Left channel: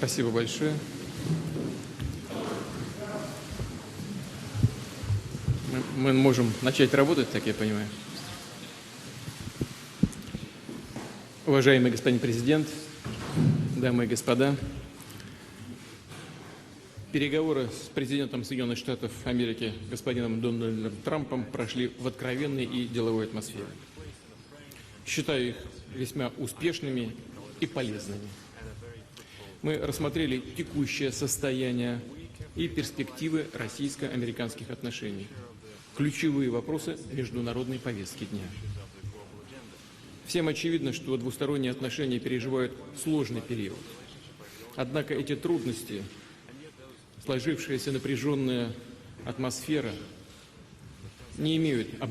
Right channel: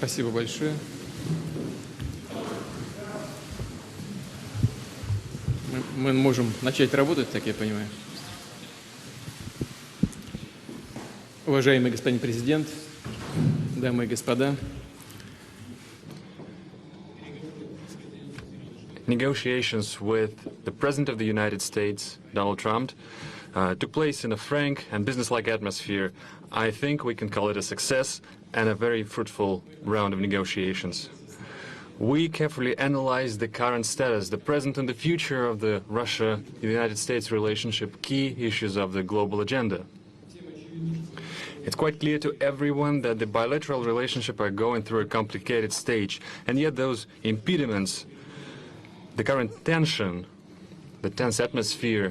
Спасибо большое. Мы можем начать работать, так я понимаю. Уважаемый господин президент, дамы и господа, переговоры с президентом Соединенных Штатов Negotiations with the President of the United States, Donald Trump, took place in a frank and business-like atmosphere. I think we can call it a success and a very fruitful round of negotiations. We carefully analyzed the current status, the present and the future of the Russia-United States relationship, key issues of the global agenda. It's quite clear to everyone that the bilateral relationship are going through a complicated stage, and yet those impediments, the current tension, the tense atmosphere,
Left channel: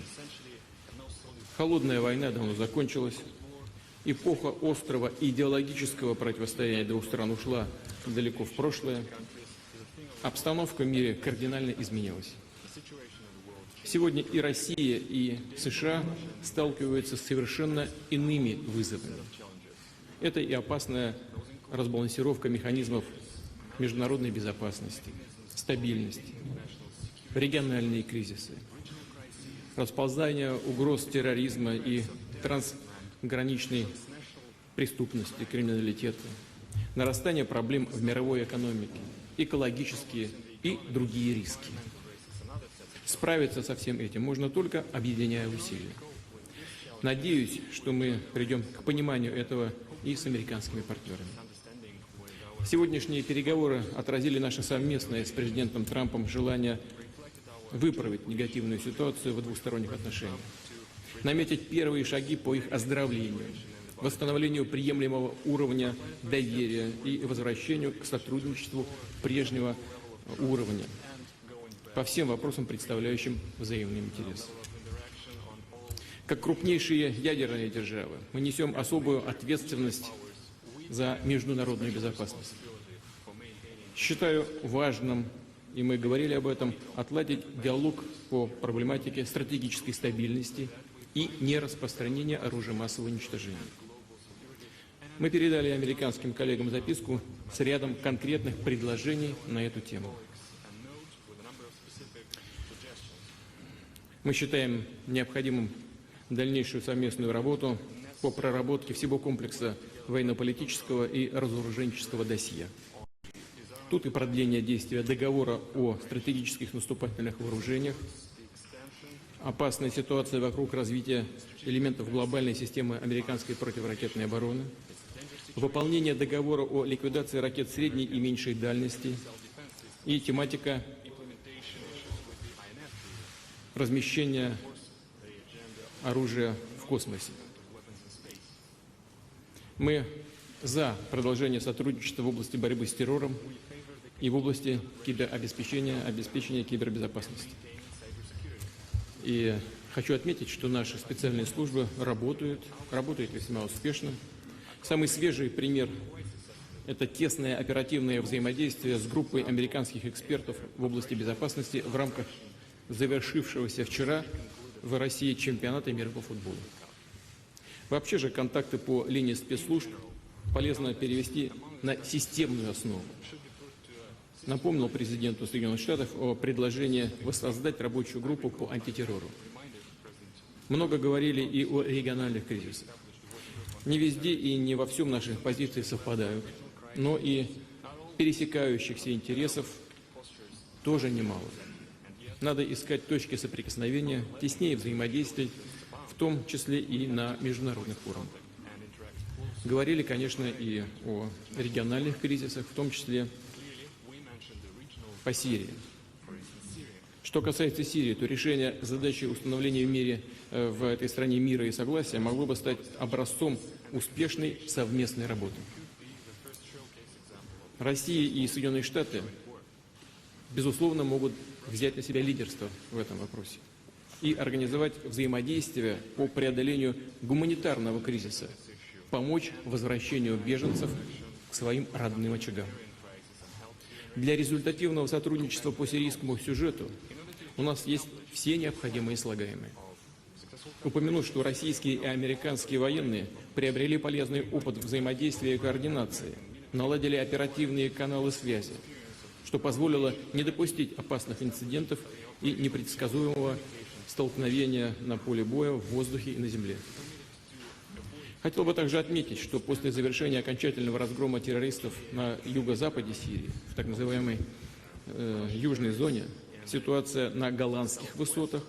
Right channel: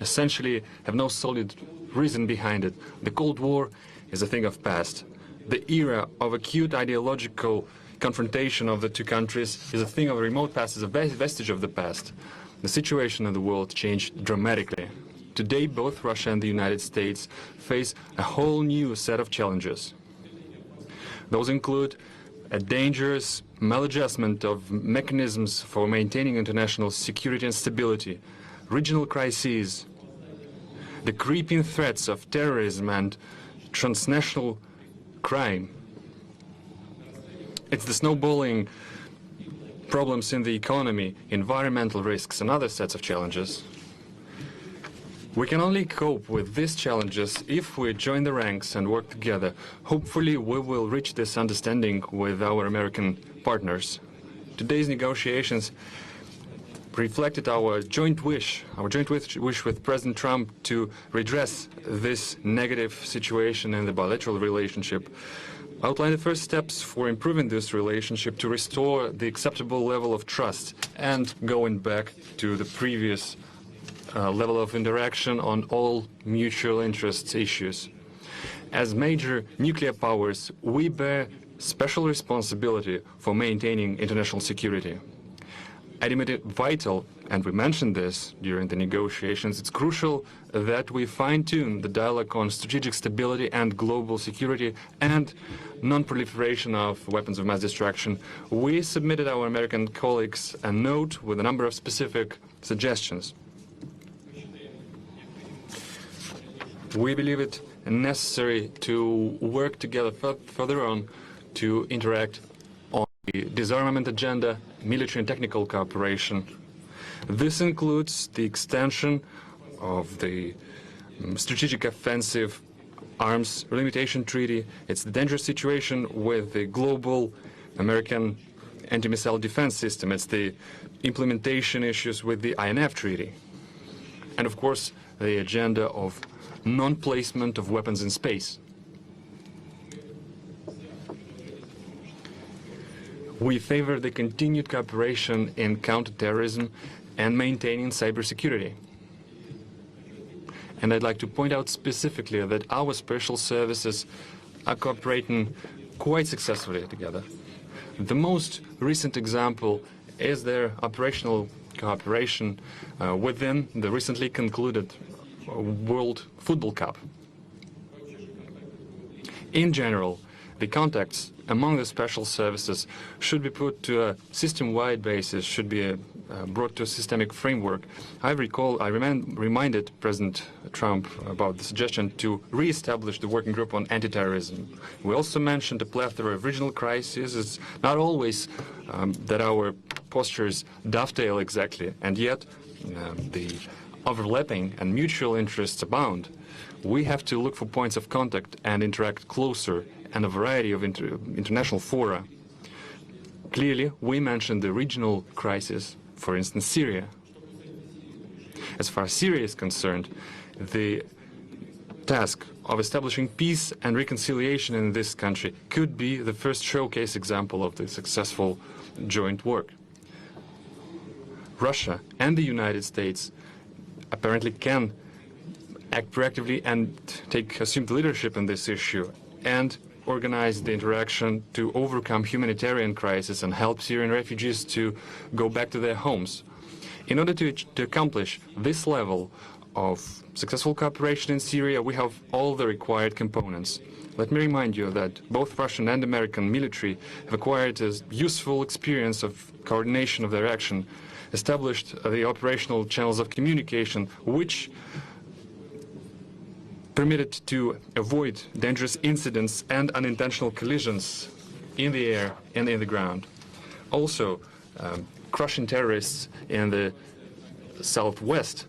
essentially have no solid reason behind it. The Cold War is a thing of past. The era of acute ideological confrontation of the two countries is a thing of remote past, is a vestige of the past. The situation in the world changed dramatically. Today, both Russia and the United States face a whole new set of challenges. Those include a dangerous maladjustment of mechanisms for maintaining international security and stability, regional crises, the creeping threats of terrorism and transnational crime. It's the snowballing problems in the economy, environmental risks, and other sets of challenges. We can only cope with these challenges if we join the ranks and work together. Hopefully, we will reach this understanding with our American partners. Today's negotiations reflected our joint wish with President Trump to redress this negative situation in the bilateral relationship, outline the first steps for improving this relationship to restore the acceptable level of trust and going back to the previous level of interaction on all mutual interests issues. As major nuclear powers, we bear special responsibility for maintaining international security. I deem it vital, and we mentioned this during the negotiations, it's crucial that we fine-tune the dialogue on strategic stability and global security and non-proliferation of weapons of mass destruction. We submitted our American colleagues a note with a number of specific suggestions. We believe it necessary to work together further on to interact on the disarmament agenda, military and technical cooperation. This includes the extension of the strategic offensive arms limitation treaty. It's the dangerous situation with the global American anti-missile defense system. It's the implementation issues with the INF treaty. And of course, the agenda of non-placement of weapons in space. We favor the continued cooperation in counterterrorism and maintaining cybersecurity. And I'd like to point out specifically that our special services are cooperating quite successfully together. The most recent example is their operational cooperation within the recently concluded World Football Cup. In general, the contacts among the special services should be put to a system-wide basis, should be brought to a systemic framework. I reminded President Trump about the suggestion to re-establish the working group on anti-terrorism. We also mentioned a plethora of regional crises. It's not always that our postures dovetail exactly, and yet the overlapping and mutual interests abound. We have to look for points of contact and interact closer in a variety of international fora. Clearly, we mentioned the regional crisis, for instance, Syria. As far as Syria is concerned, the task of establishing peace and reconciliation in this country could be the first showcase example of the successful joint work. Russia and the United States apparently can act proactively and assume leadership in this issue and organize the interaction to overcome humanitarian crisis and help Syrian refugees to go back to their homes. In order to accomplish this level of successful cooperation in Syria, we have all the required components. Let me remind you that both Russian and American military have acquired a useful experience of coordination of their action, established the operational channels of communication, which permitted to avoid dangerous incidents and unintentional collisions in the air and in the ground. Also, crushing terrorists in the southwest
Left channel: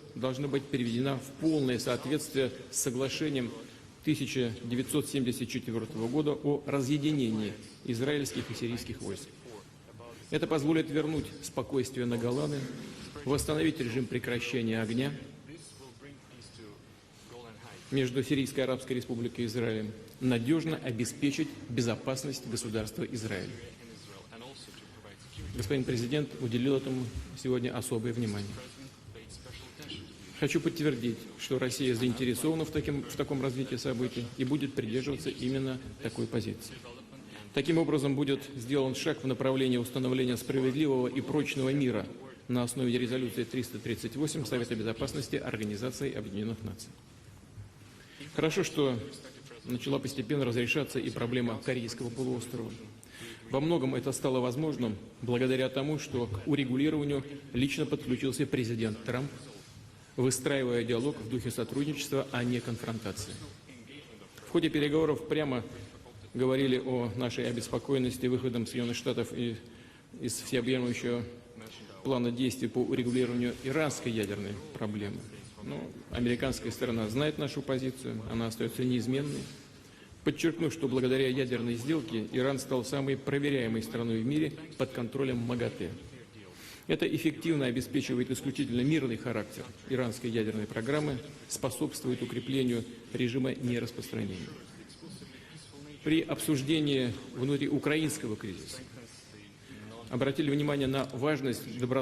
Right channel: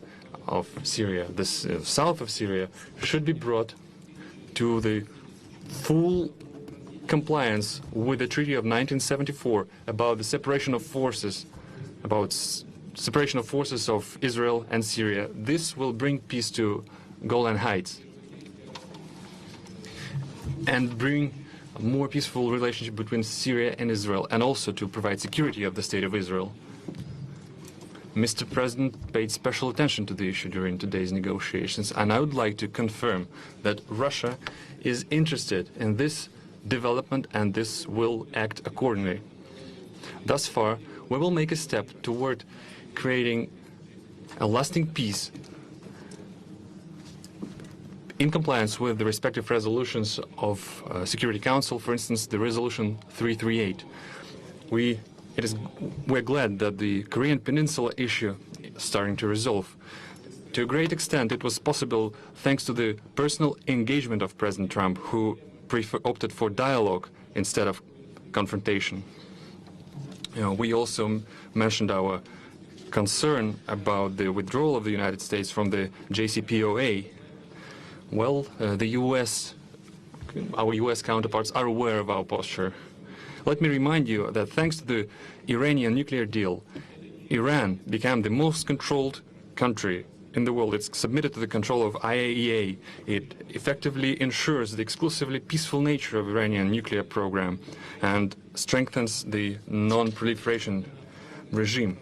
of Syria, the south of Syria, should be brought to the full compliance with the Treaty of 1974 about the separation of forces, of Israel and Syria. This will bring peace to Golan Heights and bring more peaceful relationship between Syria and Israel, and also to provide security of the State of Israel. Mr. President paid special attention to the issue during today's negotiations, and I would like to confirm that Russia is interested in this development and this will act accordingly. Thus far, we will make a step toward creating a lasting peace in compliance with the respective resolutions of Security Council, for instance, the resolution 338. We're glad that the Korean Peninsula issue is starting to resolve. To a great extent, it was possible thanks to the personal engagement of President Trump, who opted for dialogue instead of confrontation. We also mentioned our concern about the withdrawal of the United States from the JCPOA. Well, our U.S. counterparts are aware of our posture. Let me remind you that thanks to the Iranian nuclear deal, Iran became the most controlled country in the world. It's submitted to the control of IAEA. It effectively ensures the exclusively peaceful nature of Iranian nuclear program and strengthens the non-proliferation regime.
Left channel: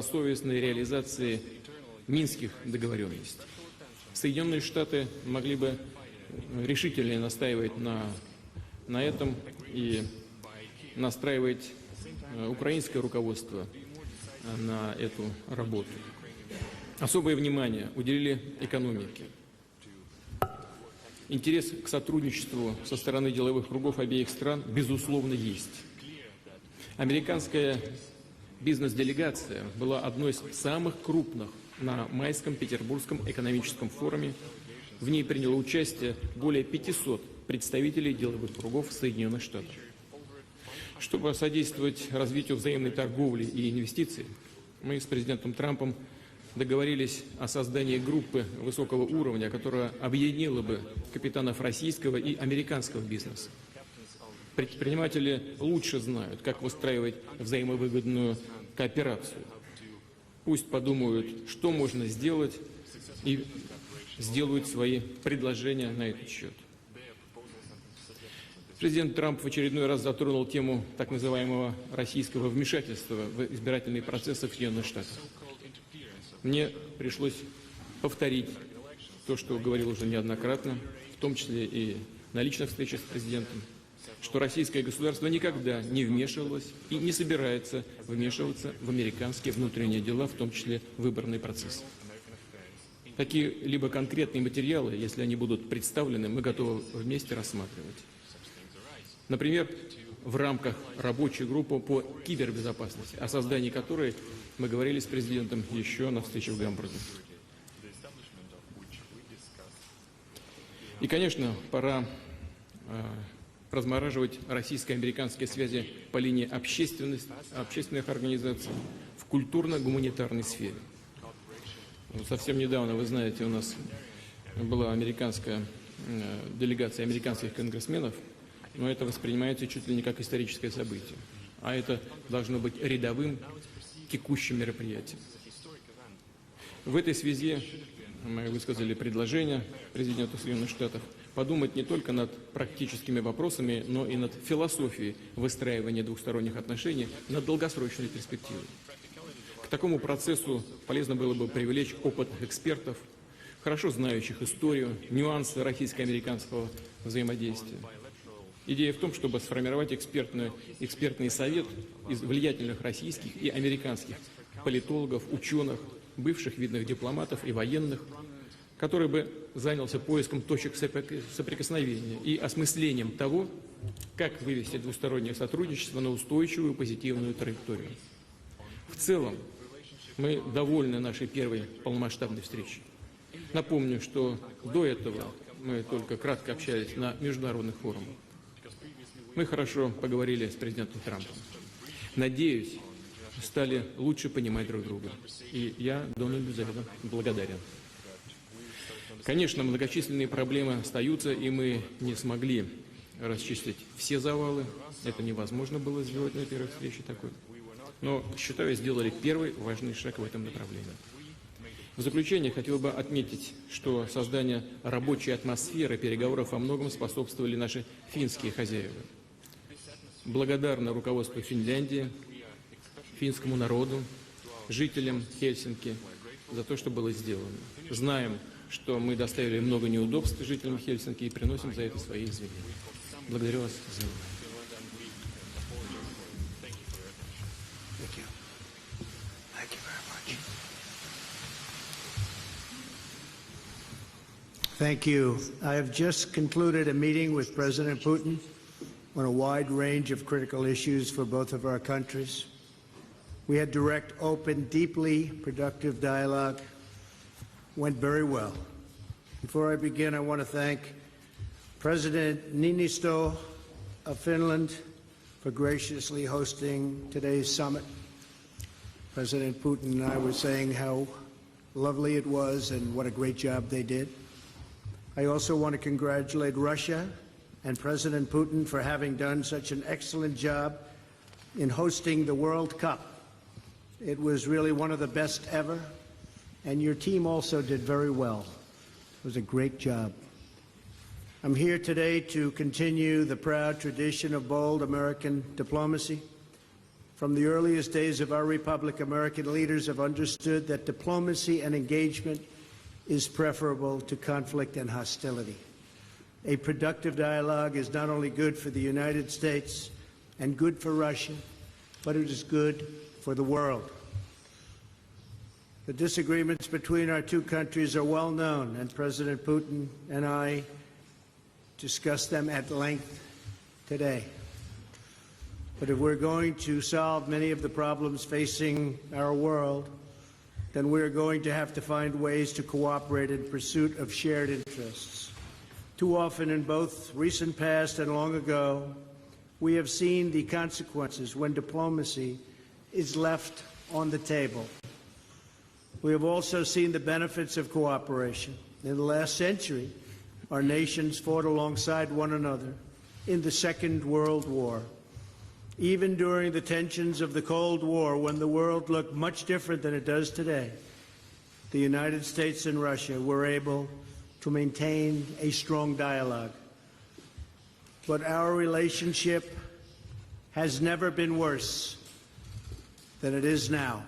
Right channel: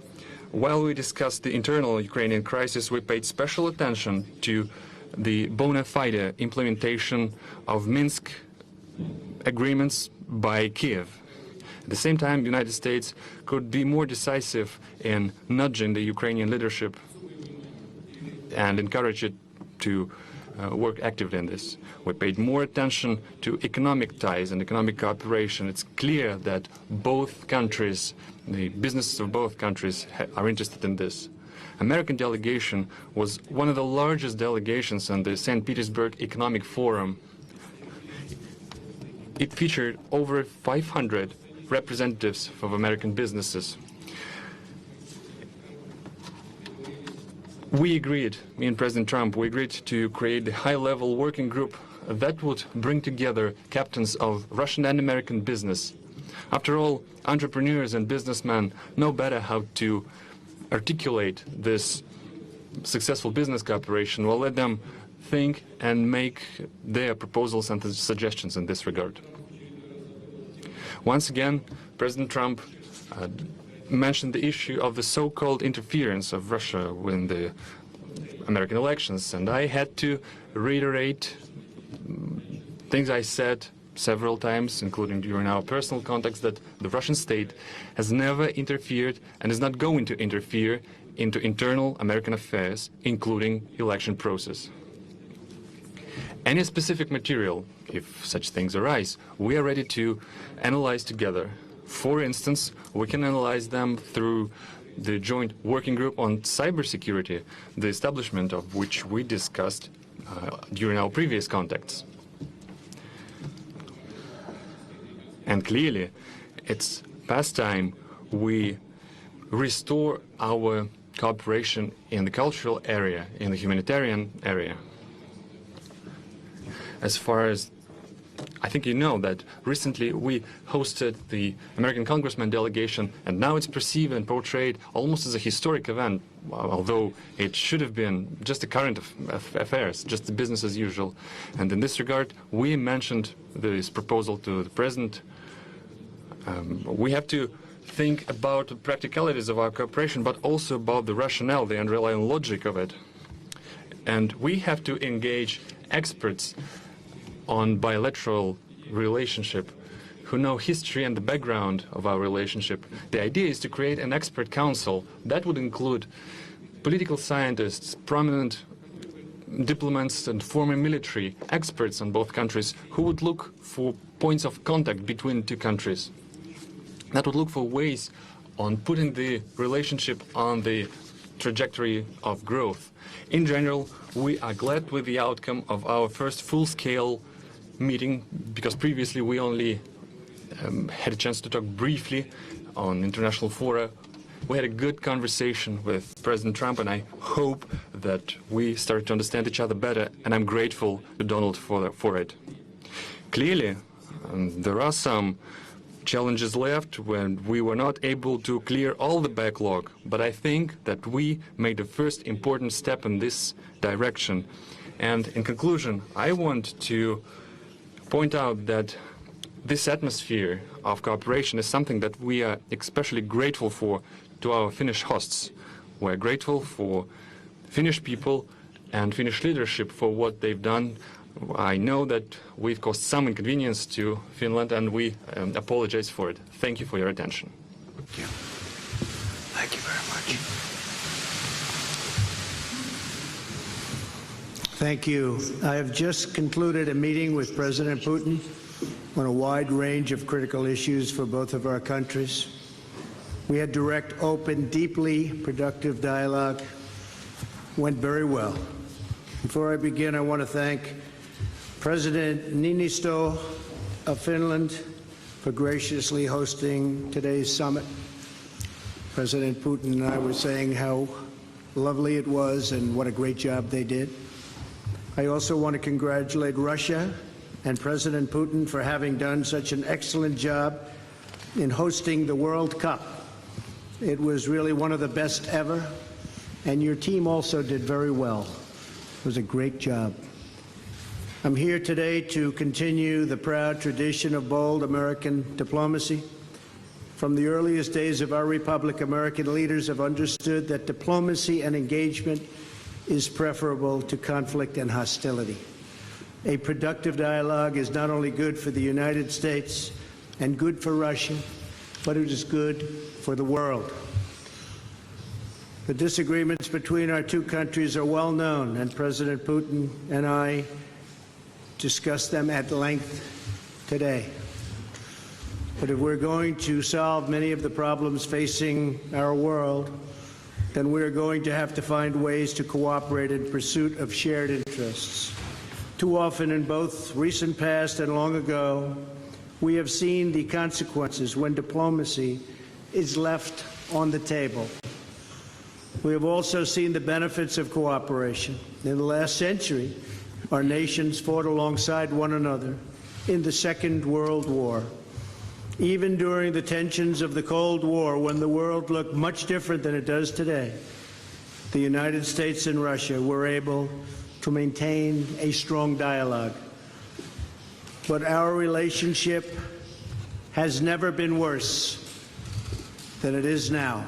While we discussed the internal Ukrainian crisis, we paid special attention to the bona fide implementation of Minsk agreements by Kiev. At the same time, the United States could be more decisive in nudging the Ukrainian leadership and encourage it to work actively in this. We paid more attention to economic ties and economic cooperation. It's clear that both countries, the businesses of both countries are interested in this. American delegation was one of the largest delegations in the St. Petersburg Economic Forum. It featured over 500 representatives of American businesses. We agreed, me and President Trump, we agreed to create a high-level working group that would bring together captains of Russian and American business. After all, entrepreneurs and businessmen know better how to articulate this successful business cooperation. We'll let them think and make their proposals and suggestions in this regard. Once again, President Trump mentioned the issue of the so-called interference of Russia in the American elections, and I had to reiterate things I said several times, including during our personal contacts, that the Russian state has never interfered and is not going to interfere into internal American affairs, including election process. Any specific material, if such things arise, we are ready to analyze together. For instance, we can analyze them through the joint working group on cybersecurity, the establishment of which we discussed during our previous contacts. And clearly, it's past time we restore our cooperation in the cultural area, in the humanitarian area. As far as I think you know that recently we hosted the American Congressman delegation, and now it's perceived and portrayed almost as a historic event, although it should have been just a current affairs, just business as usual. And in this regard, we mentioned this proposal to the President. We have to think about the practicalities of our cooperation, but also about the rationale, the underlying logic of it. And we have to engage experts on bilateral relationship, who know history and the background of our relationship. The idea is to create an expert council that would include political scientists, prominent diplomats and former military experts on both countries who would look for points of contact between the two countries, that would look for ways on putting the relationship on the trajectory of growth. In general, we are glad with the outcome of our first full-scale meeting, because previously we only had a chance to talk briefly on international fora. We had a good conversation with President Trump, and I hope that we start to understand each other better, and I'm grateful to Donald for it. Clearly, there are some challenges left when we were not able to clear all the backlog, but I think that we made the first important step in this direction. And in conclusion, I want to point out that this atmosphere of cooperation is something that we are especially grateful for to our Finnish hosts. We're grateful for Finnish people and Finnish leadership for what they've done. I know that we've caused some inconvenience to Finland, and we apologize for it. Thank you for your attention. Thank you. Thank you very much. Thank you. I have just concluded a meeting with President Putin on a wide range of critical issues for both of our countries. We had direct, open, deeply productive dialogue. Went very well. Before I begin, I want to thank President Niinisto of Finland for graciously hosting today's summit. President Putin and I were saying how lovely it was and what a great job they did. I also want to congratulate Russia and President Putin for having done such an excellent job in hosting the World Cup. It was really one of the best ever. And your team also did very well. It was a great job. I'm here today to continue the proud tradition of bold American diplomacy. From the earliest days of our republic, American leaders have understood that diplomacy and engagement is preferable to conflict and hostility. A productive dialogue is not only good for the United States and good for Russia, but it is good for the world. The disagreements between our two countries are well known, and President Putin and I discussed them at length today. But if we're going to solve many of the problems facing our world, then we're going to have to find ways to cooperate in pursuit of shared interests. Too often in both recent past and long ago, we have seen the consequences when diplomacy is left on the table. We have also seen the benefits of cooperation. In the last century, our nations fought alongside one another in the Second World War. Even during the tensions of the Cold War, when the world looked much different than it does today, the United States and Russia were able to maintain a strong dialogue. But our relationship has never been worse than it is now.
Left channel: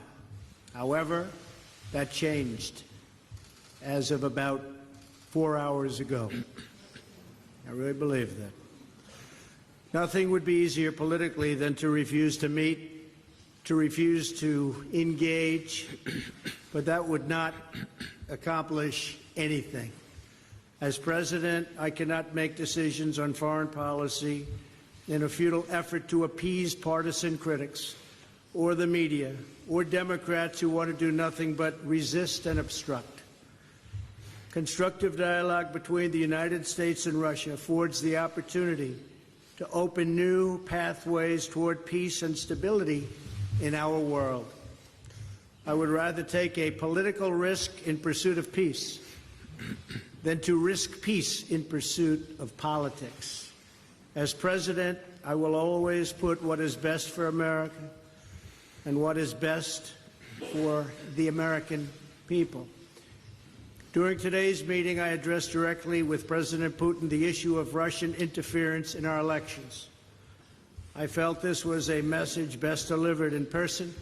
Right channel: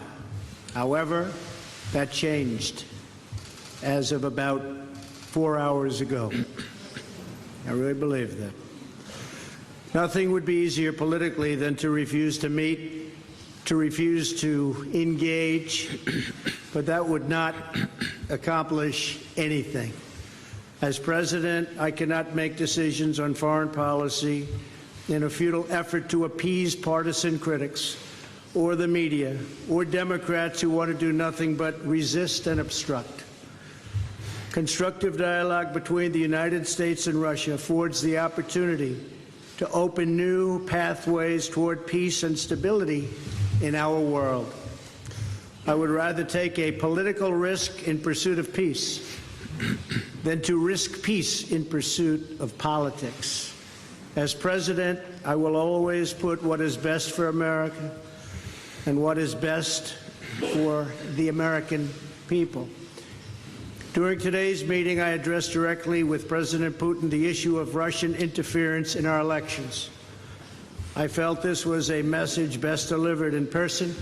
However, that changed as of about 4 hours ago. I really believe that. Nothing would be easier politically than to refuse to meet, to refuse to engage, but that would not accomplish anything. As president, I cannot make decisions on foreign policy in a futile effort to appease partisan critics, or the media, or Democrats who want to do nothing but resist and obstruct. Constructive dialogue between the United States and Russia affords the opportunity to open new pathways toward peace and stability in our world. I would rather take a political risk in pursuit of peace than to risk peace in pursuit of politics. As president, I will always put what is best for America and what is best for the American people. During today's meeting, I addressed directly with President Putin the issue of Russian interference in our elections. I felt this was a message best delivered in person.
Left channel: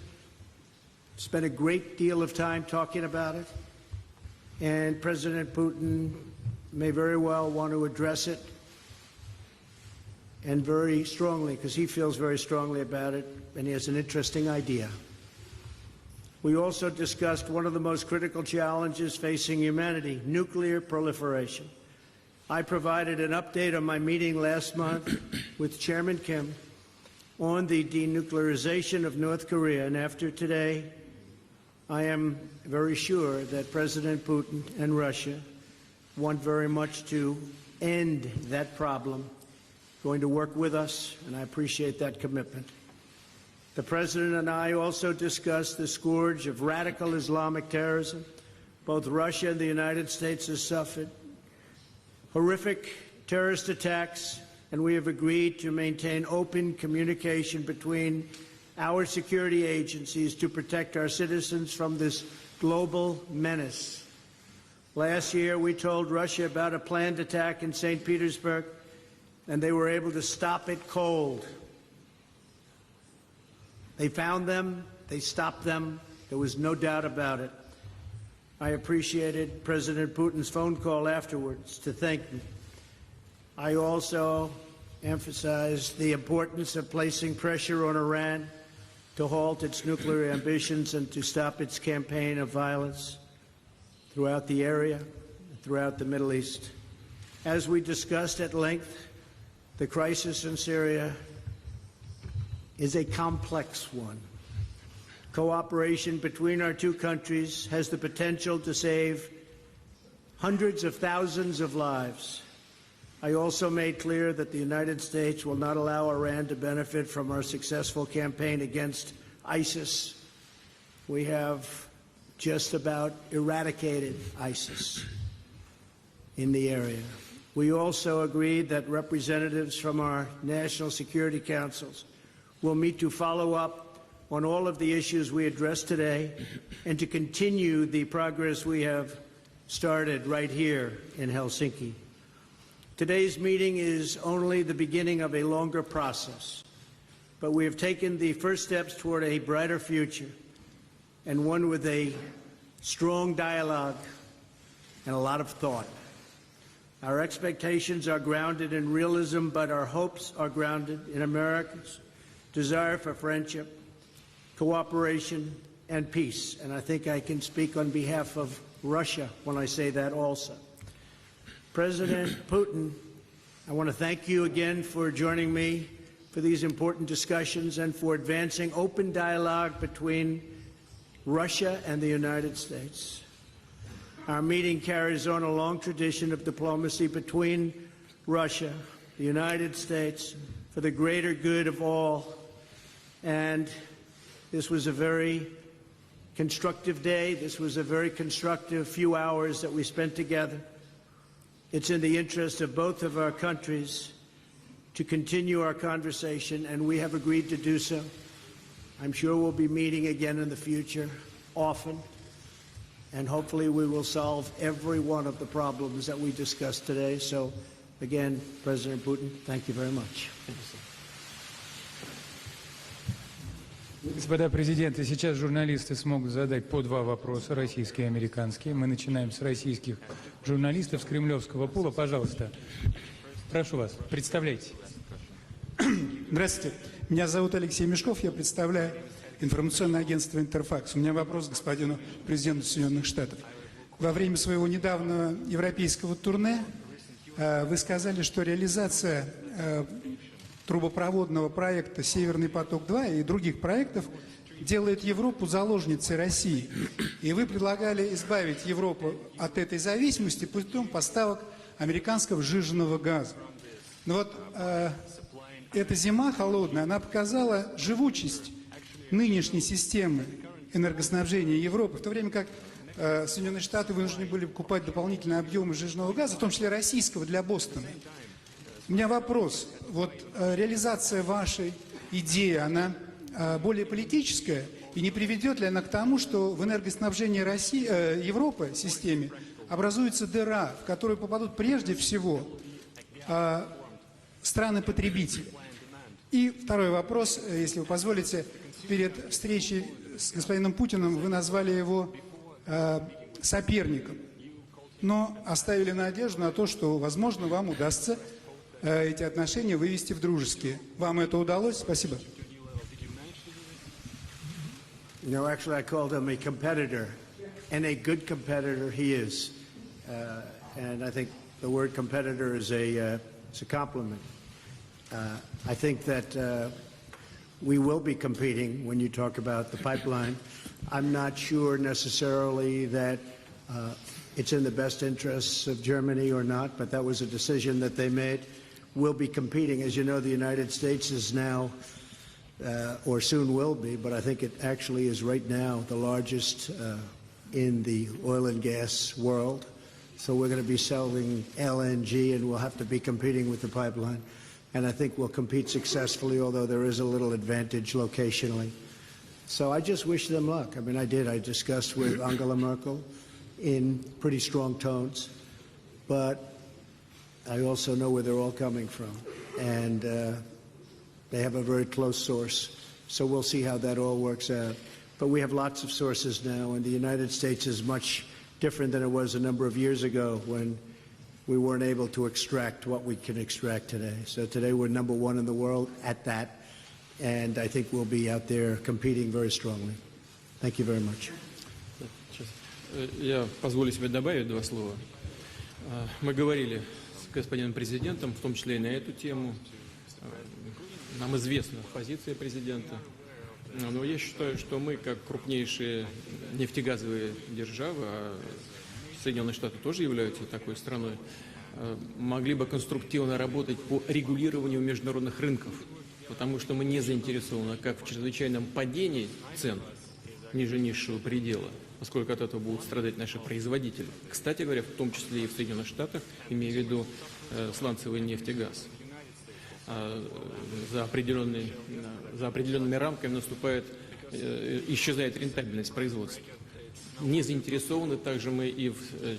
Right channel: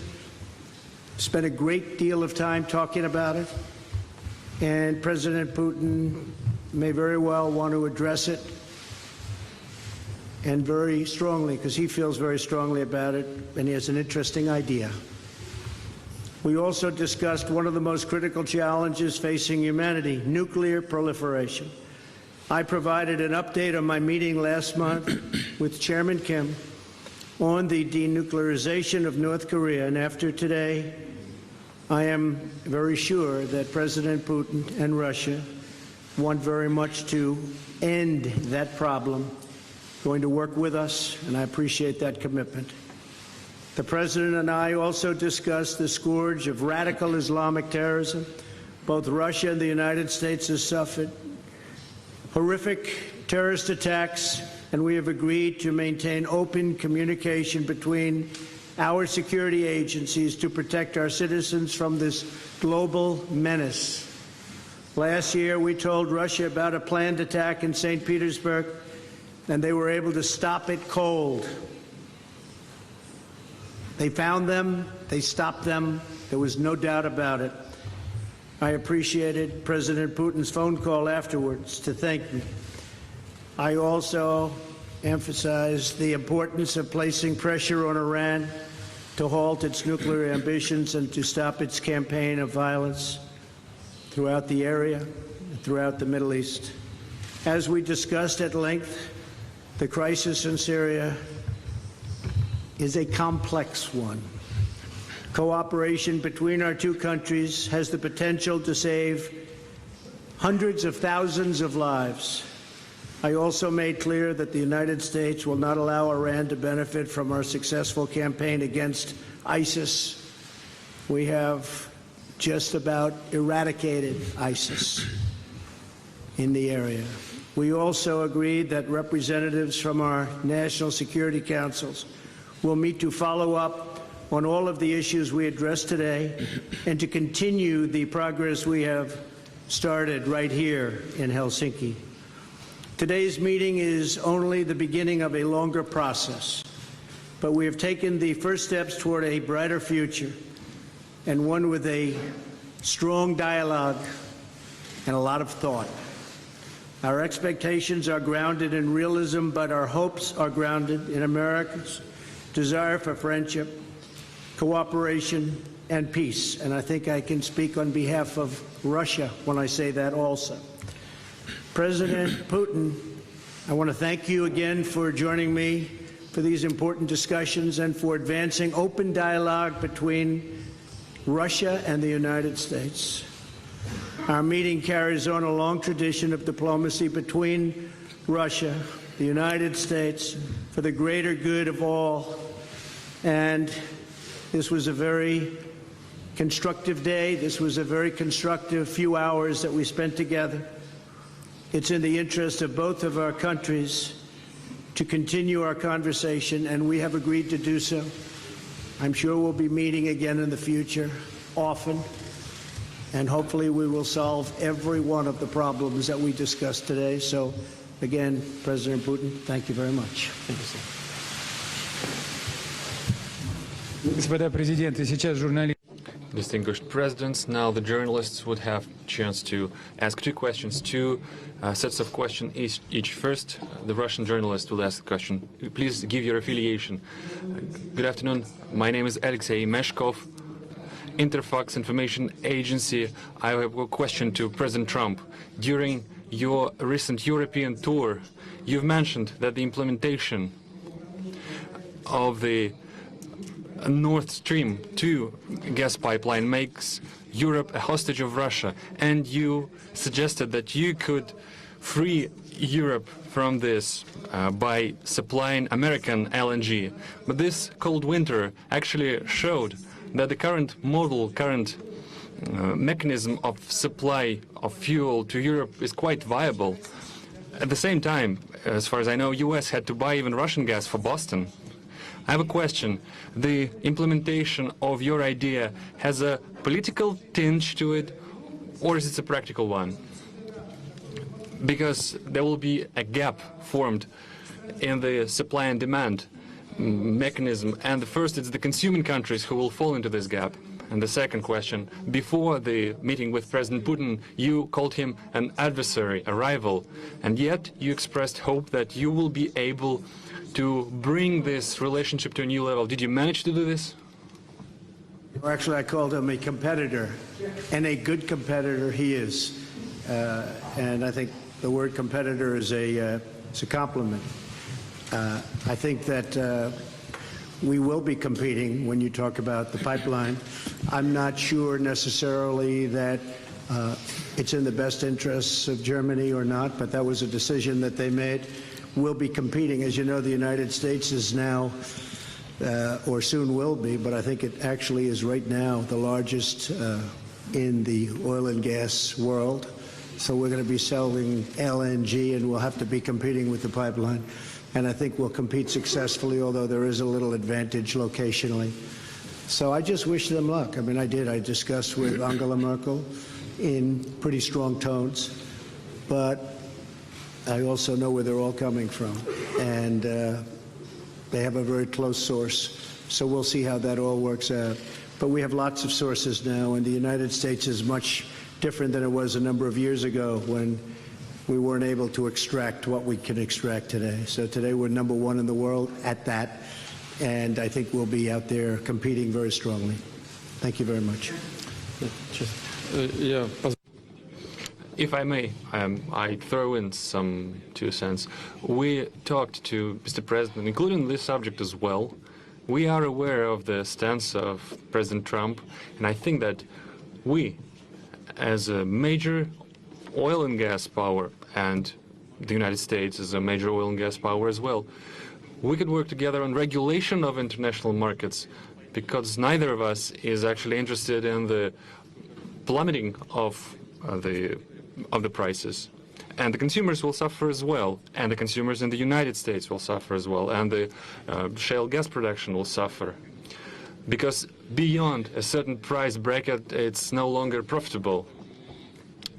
Spent a great deal of time talking about it, and President Putin may very well want to address it and very strongly, because he feels very strongly about it, and he has an interesting idea. We also discussed one of the most critical challenges facing humanity, nuclear proliferation. I provided an update on my meeting last month with Chairman Kim on the denuclearization of North Korea, and after today, I am very sure that President Putin and Russia want very much to end that problem, going to work with us, and I appreciate that commitment. The President and I also discussed the scourge of radical Islamic terrorism. Both Russia and the United States have suffered horrific terrorist attacks, and we have agreed to maintain open communication between our security agencies to protect our citizens from this global menace. Last year, we told Russia about a planned attack in St. Petersburg, and they were able to stop it cold. They found them, they stopped them, there was no doubt about it. I appreciated President Putin's phone call afterwards to thank me. I also emphasized the importance of placing pressure on Iran to halt its nuclear ambitions and to stop its campaign of violence throughout the area and throughout the Middle East. As we discussed at length, the crisis in Syria is a complex one. Cooperation between our two countries has the potential to save hundreds of thousands of lives. I also made clear that the United States will not allow Iran to benefit from our successful campaign against ISIS. We have just about eradicated ISIS in the area. We also agreed that representatives from our national security councils will meet to follow up on all of the issues we addressed today and to continue the progress we have started right here in Helsinki. Today's meeting is only the beginning of a longer process, but we have taken the first steps toward a brighter future, and one with a strong dialogue and a lot of thought. Our expectations are grounded in realism, but our hopes are grounded in America's desire for friendship, cooperation, and peace. And I think I can speak on behalf of Russia when I say that also. President Putin, I want to thank you again for joining me for these important discussions and for advancing open dialogue between Russia and the United States. Our meeting carries on a long tradition of diplomacy between Russia, the United States, for the greater good of all. And this was a very constructive day. This was a very constructive few hours that we spent together. It's in the interest of both of our countries to continue our conversation, and we have agreed to do so. I'm sure we'll be meeting again in the future, often, and hopefully we will solve every one of the problems that we discussed today. So, again, President Putin, thank you very much. Distinguished presidents, now the journalists would have a chance to ask two questions, two sets of questions each. First, the Russian journalist will ask the question. Please give your affiliation. Good afternoon. My name is Alexei Meshkov, Interfax Information Agency. I have a question to President Trump. During your recent European tour, you've mentioned that the implementation of the Nord Stream 2 gas pipeline makes Europe a hostage of Russia, and you suggested that you could free Europe from this by supplying American LNG. But this cold winter actually showed that the current mechanism of supply of fuel to Europe is quite viable. At the same time, as far as I know, US had to buy even Russian gas for Boston. I have a question. The implementation of your idea has a political tinge to it, or is it a practical one? Because there will be a gap formed in the supply and demand mechanism. And first, it's the consuming countries who will fall into this gap. And the second question, before the meeting with President Putin, you called him an adversary, a rival, and yet you expressed hope that you will be able to bring this relationship to a new level. Did you manage to do this? You know, actually, I called him a competitor, and a good competitor he is. And I think the word competitor is it's a compliment. I think that we will be competing when you talk about the pipeline. I'm not sure necessarily that it's in the best interests of Germany or not, but that was a decision that they made. We'll be competing. As you know, the United States is now, or soon will be, but I think it actually is right now the largest in the oil and gas world. So we're going to be selling LNG, and we'll have to be competing with the pipeline. And I think we'll compete successfully, although there is a little advantage locationally. So I just wish them luck. I mean, I did. I discussed with Angela Merkel in pretty strong tones, but I also know where they're all coming from. And they have a very close source. So we'll see how that all works out. But we have lots of sources now, and the United States is much different than it was a number of years ago when we weren't able to extract what we can extract today. So today we're #1 in the world at that, and I think we'll be out there competing very strongly. Thank you very much. If I may, I throw in some 2 cents. We talked to Mr. President, including this subject as well. We are aware of the stance of President Trump, and I think that we, as a major oil and gas power, and the United States is a major oil and gas power as well, we could work together on regulation of international markets, because neither of us is actually interested in the plummeting of the prices. And the consumers will suffer as well, and the consumers in the United States will suffer as well, and the shale gas production will suffer. Because beyond a certain price bracket, it's no longer profitable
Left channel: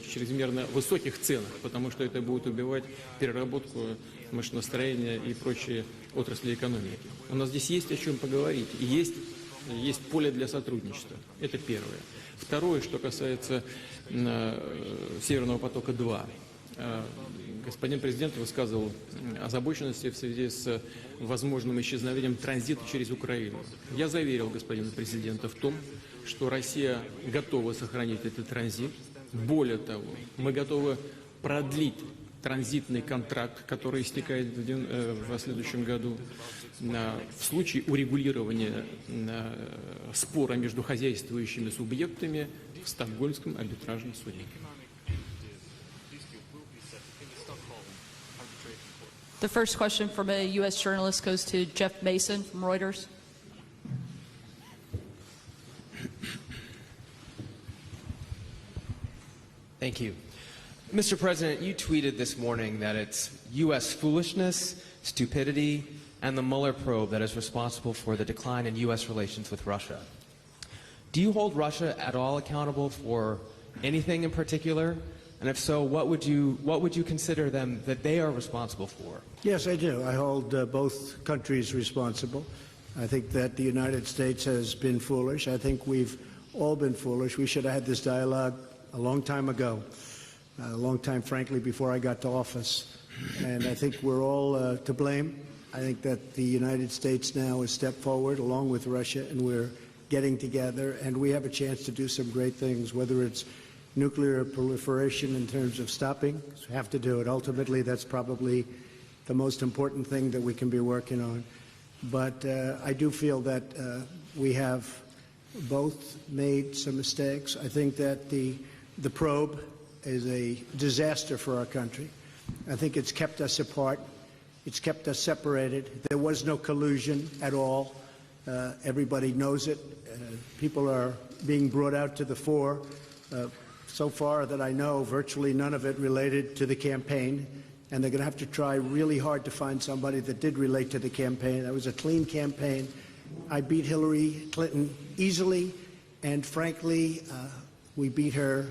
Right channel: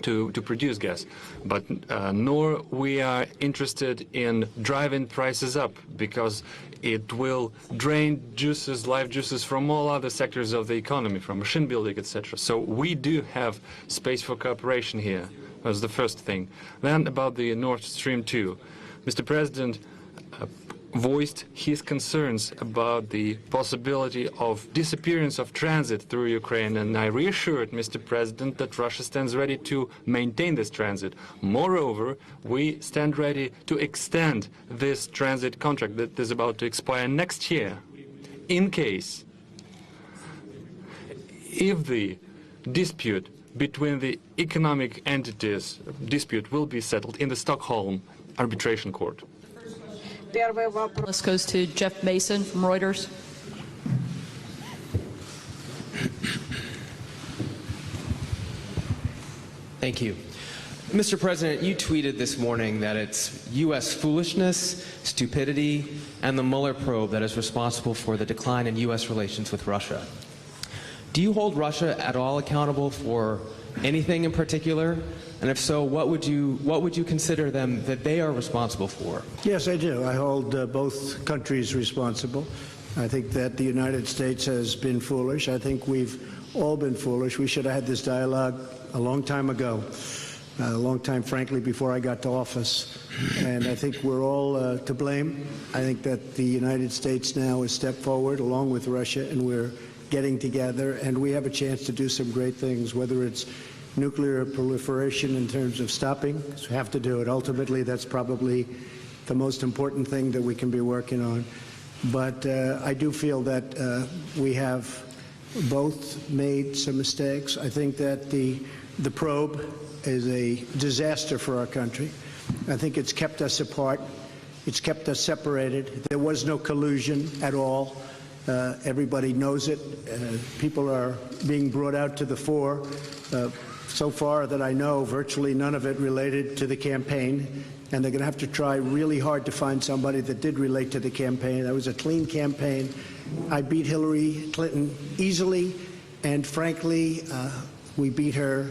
to produce gas. But nor we are interested in driving prices up, because it will drain juices, life juices from all other sectors of the economy, from machine building, etc. So we do have space for cooperation here. That's the first thing. Then about the Nord Stream 2. Mr. President voiced his concerns about the possibility of disappearance of transit through Ukraine, and I reassured Mr. President that Russia stands ready to maintain this transit. Moreover, we stand ready to extend this transit contract that is about to expire next year, in case if the dispute between the economic entities will be settled in the Stockholm Arbitration Court. The first question from a U.S. journalist goes to Jeff Mason from Reuters. Thank you. Mr. President, you tweeted this morning that it's U.S. foolishness, stupidity, and the Mueller probe that is responsible for the decline in U.S. relations with Russia. Do you hold Russia at all accountable for anything in particular? And if so, what would you consider them that they are responsible for? Yes, I do. I hold both countries responsible. I think that the United States has been foolish. I think we've all been foolish. We should have had this dialogue a long time ago, a long time, frankly, before I got to office. And I think we're all to blame. I think that the United States now has stepped forward along with Russia, and we're getting together, and we have a chance to do some great things, whether it's nuclear proliferation in terms of stopping, because we have to do it. Ultimately, that's probably the most important thing that we can be working on. But I do feel that we have both made some mistakes. I think that the probe is a disaster for our country. I think it's kept us apart. It's kept us separated. There was no collusion at all. Everybody knows it. People are being brought out to the fore. So far that I know, virtually none of it related to the campaign. And they're going to have to try really hard to find somebody that did relate to the campaign. That was a clean campaign. I beat Hillary Clinton easily, and frankly, we beat her.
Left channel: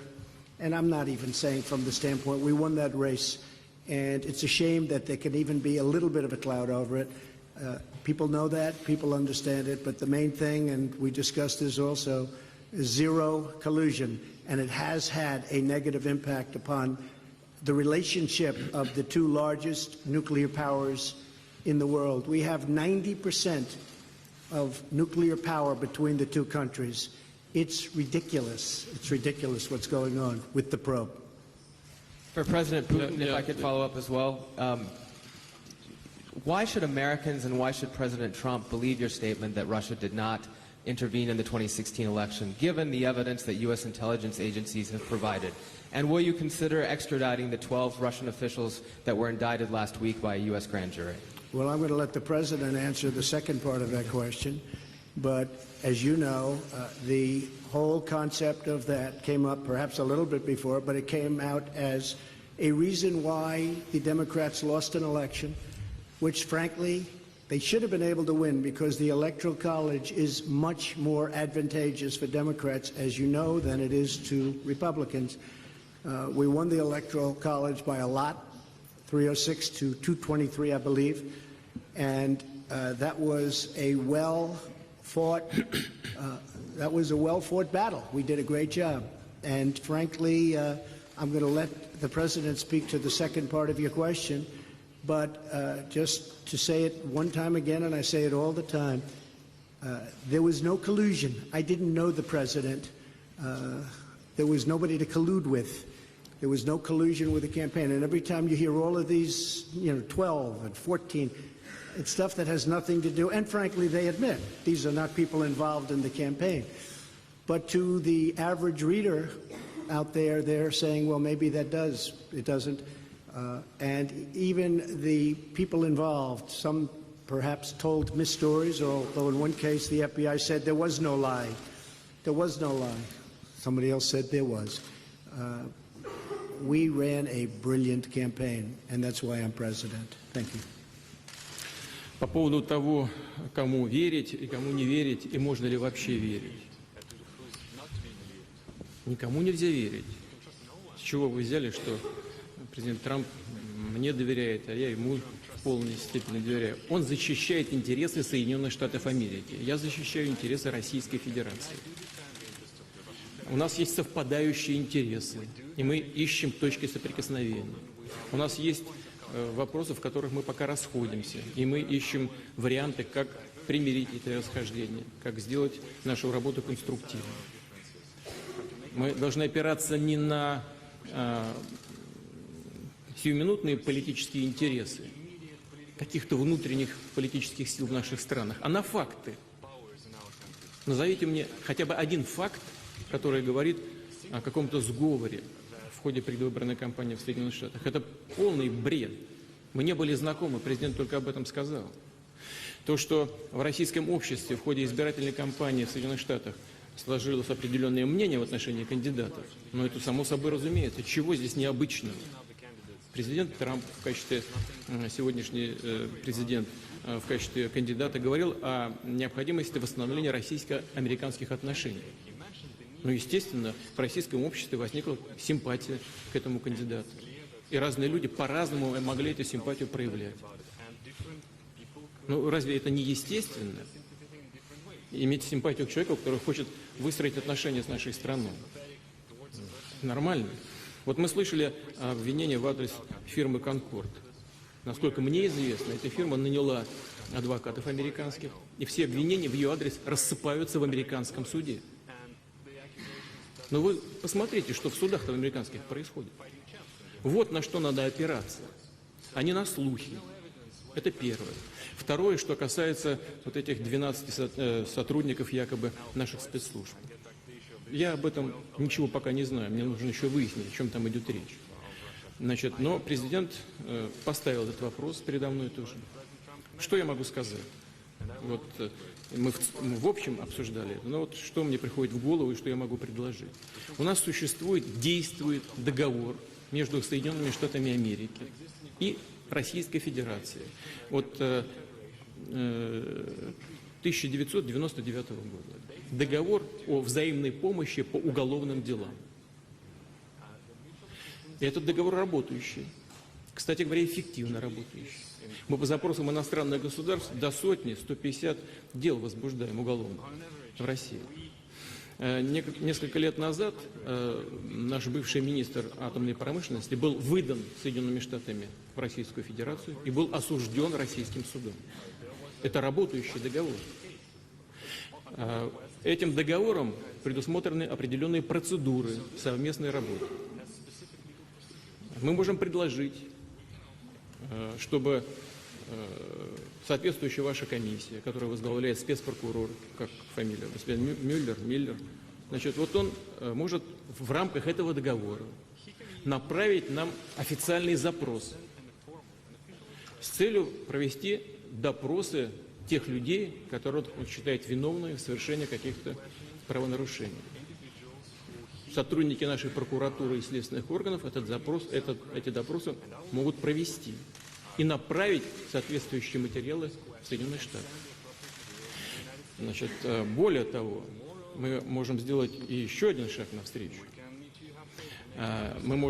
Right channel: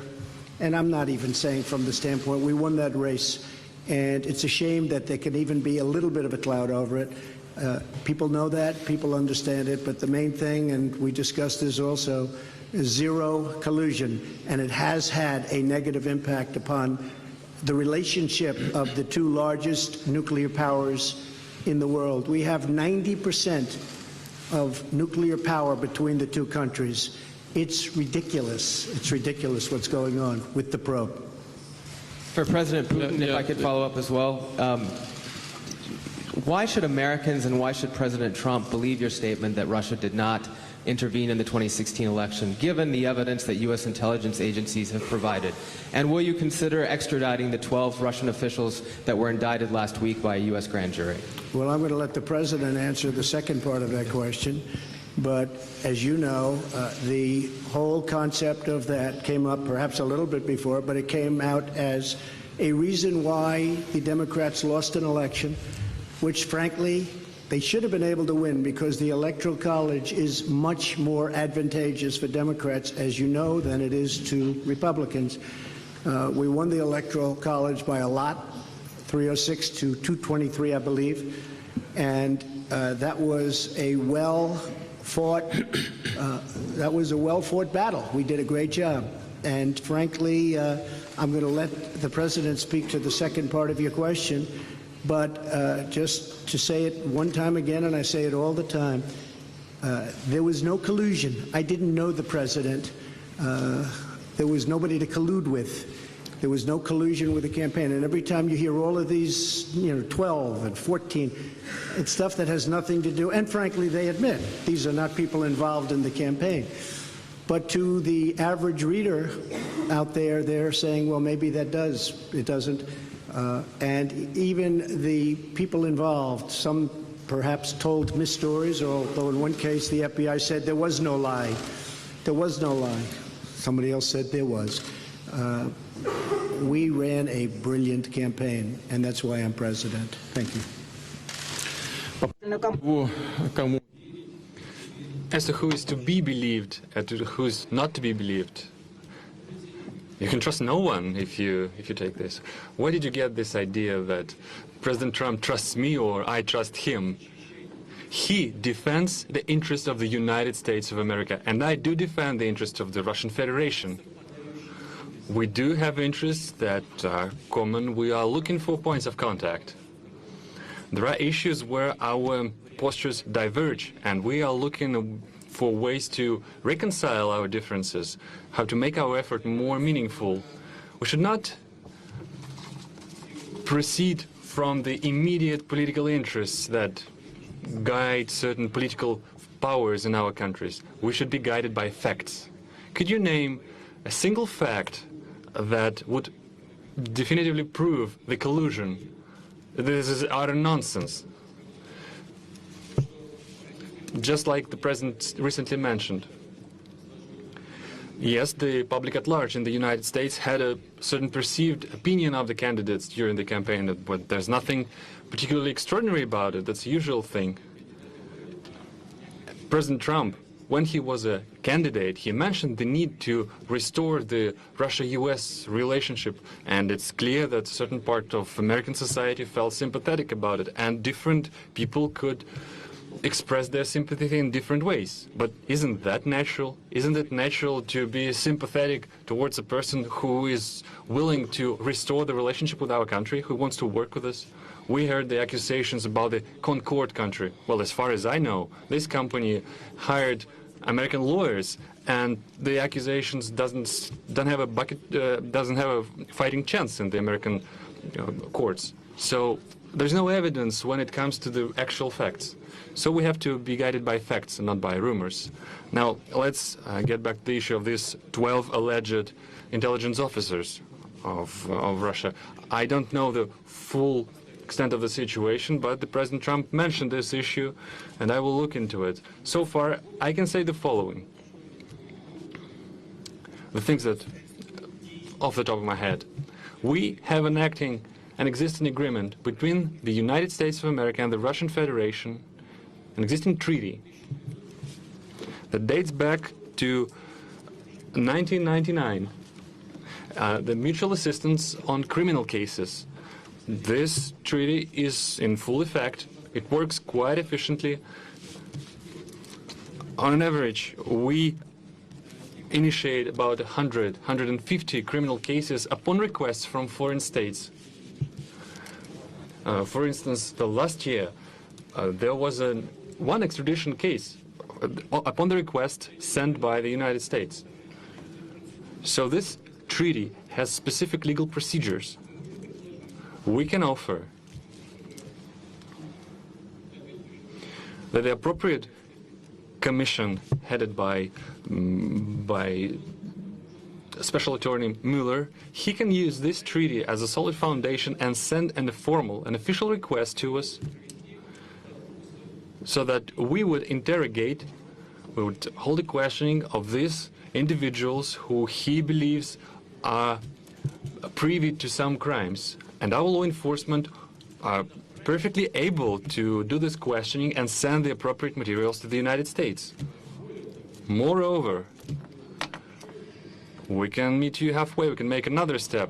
And I'm not even saying from the standpoint, we won that race And it's a shame that there can even be a little bit of a cloud over it. People know that, people understand it, but the main thing, and we discussed this also, is zero collusion, and it has had a negative impact upon the relationship of the two largest nuclear powers in the world. We have 90% of nuclear power between the two countries. It's ridiculous. It's ridiculous what's going on with the probe. For President Putin, if I could follow up as well, why should Americans and why should President Trump believe your statement that Russia did not intervene in the 2016 election, given the evidence that U.S. intelligence agencies have provided? And will you consider extraditing the 12 Russian officials that were indicted last week by a U.S. grand jury? Well, I'm going to let the President answer the second part of that question. But as you know, the whole concept of that came up perhaps a little bit before, but it came out as a reason why the Democrats lost an election, which frankly, they should have been able to win because the Electoral College is much more advantageous for Democrats, as you know, than it is to Republicans. We won the Electoral College by a lot, 306 to 223, I believe, and that was a well-fought battle. We did a great job, and frankly, I'm going to let the President speak to the second part of your question. But just to say it one time again, and I say it all the time, there was no collusion. I didn't know the President. There was nobody to collude with. There was no collusion with the campaign. And every time you hear all of these, 12 and 14, it's stuff that has nothing to do, and frankly, they admit, these are not people involved in the campaign. But to the average reader out there, they're saying, well, maybe that does. It doesn't. And even the people involved, some perhaps told misstories, although in one case the FBI said there was no lie. There was no lie. Somebody else said there was. We ran a brilliant campaign, and that's why I'm president. Thank you. По поводу того, кому верить и кому не верить, As to who is to be believed and to who is not to be believed, никому нельзя верить. you can trust no one if you take this. Where did you get this idea that President Trump trusts me or I trust him? He defends the interests of the United States of America, and I do defend the interests of the Russian Federation. We do have interests that are common. We are looking for points of contact. There are issues where our postures diverge, and we are looking for ways to reconcile our differences, how to make our effort more meaningful. We should not proceed from the immediate political interests that guide certain political powers in our countries. We should be guided by facts. Could you name a single fact that would definitively prove the collusion? This is utter nonsense. Just like the President recently mentioned. Yes, the public at large in the United States had a certain perceived opinion of the candidates during the campaign, but there's nothing particularly extraordinary about it. That's the usual thing. President Trump, when he was a candidate, he mentioned the need to restore the Russia-US relationship, and it's clear that certain part of American society felt sympathetic about it, and different people could express their sympathy in different ways. But isn't that natural? Isn't it natural to be sympathetic towards a person who is willing to restore the relationship with our country, who wants to work with us? We heard the accusations about the Concord country. Well, as far as I know, this company hired American lawyers, and the accusations doesn't have a fighting chance in the American courts. So there's no evidence when it comes to the actual facts. So we have to be guided by facts, not by rumors. Now, let's get back to the issue of these 12 alleged intelligence officers of Russia. I don't know the full extent of the situation, but the President Trump mentioned this issue, and I will look into it. So far, I can say the following. The things that, off the top of my head, we have an existing agreement between the United States of America and the Russian Federation, an existing treaty that dates back to 1999, the mutual assistance on criminal cases. This treaty is in full effect. It works quite efficiently. On average, we initiate about 150 criminal cases upon request from foreign states. For instance, the last year, there was one extradition case upon the request sent by the United States. So this treaty has specific legal procedures. We can offer that the appropriate commission headed by Special Attorney Mueller, he can use this treaty as a solid foundation and send an official request to us so that we would interrogate, we would hold the questioning of these individuals who he believes are privy to some crimes. And our law enforcement are perfectly able to do this questioning and send the appropriate materials to the United States. Moreover, we can meet you halfway, we can make another step.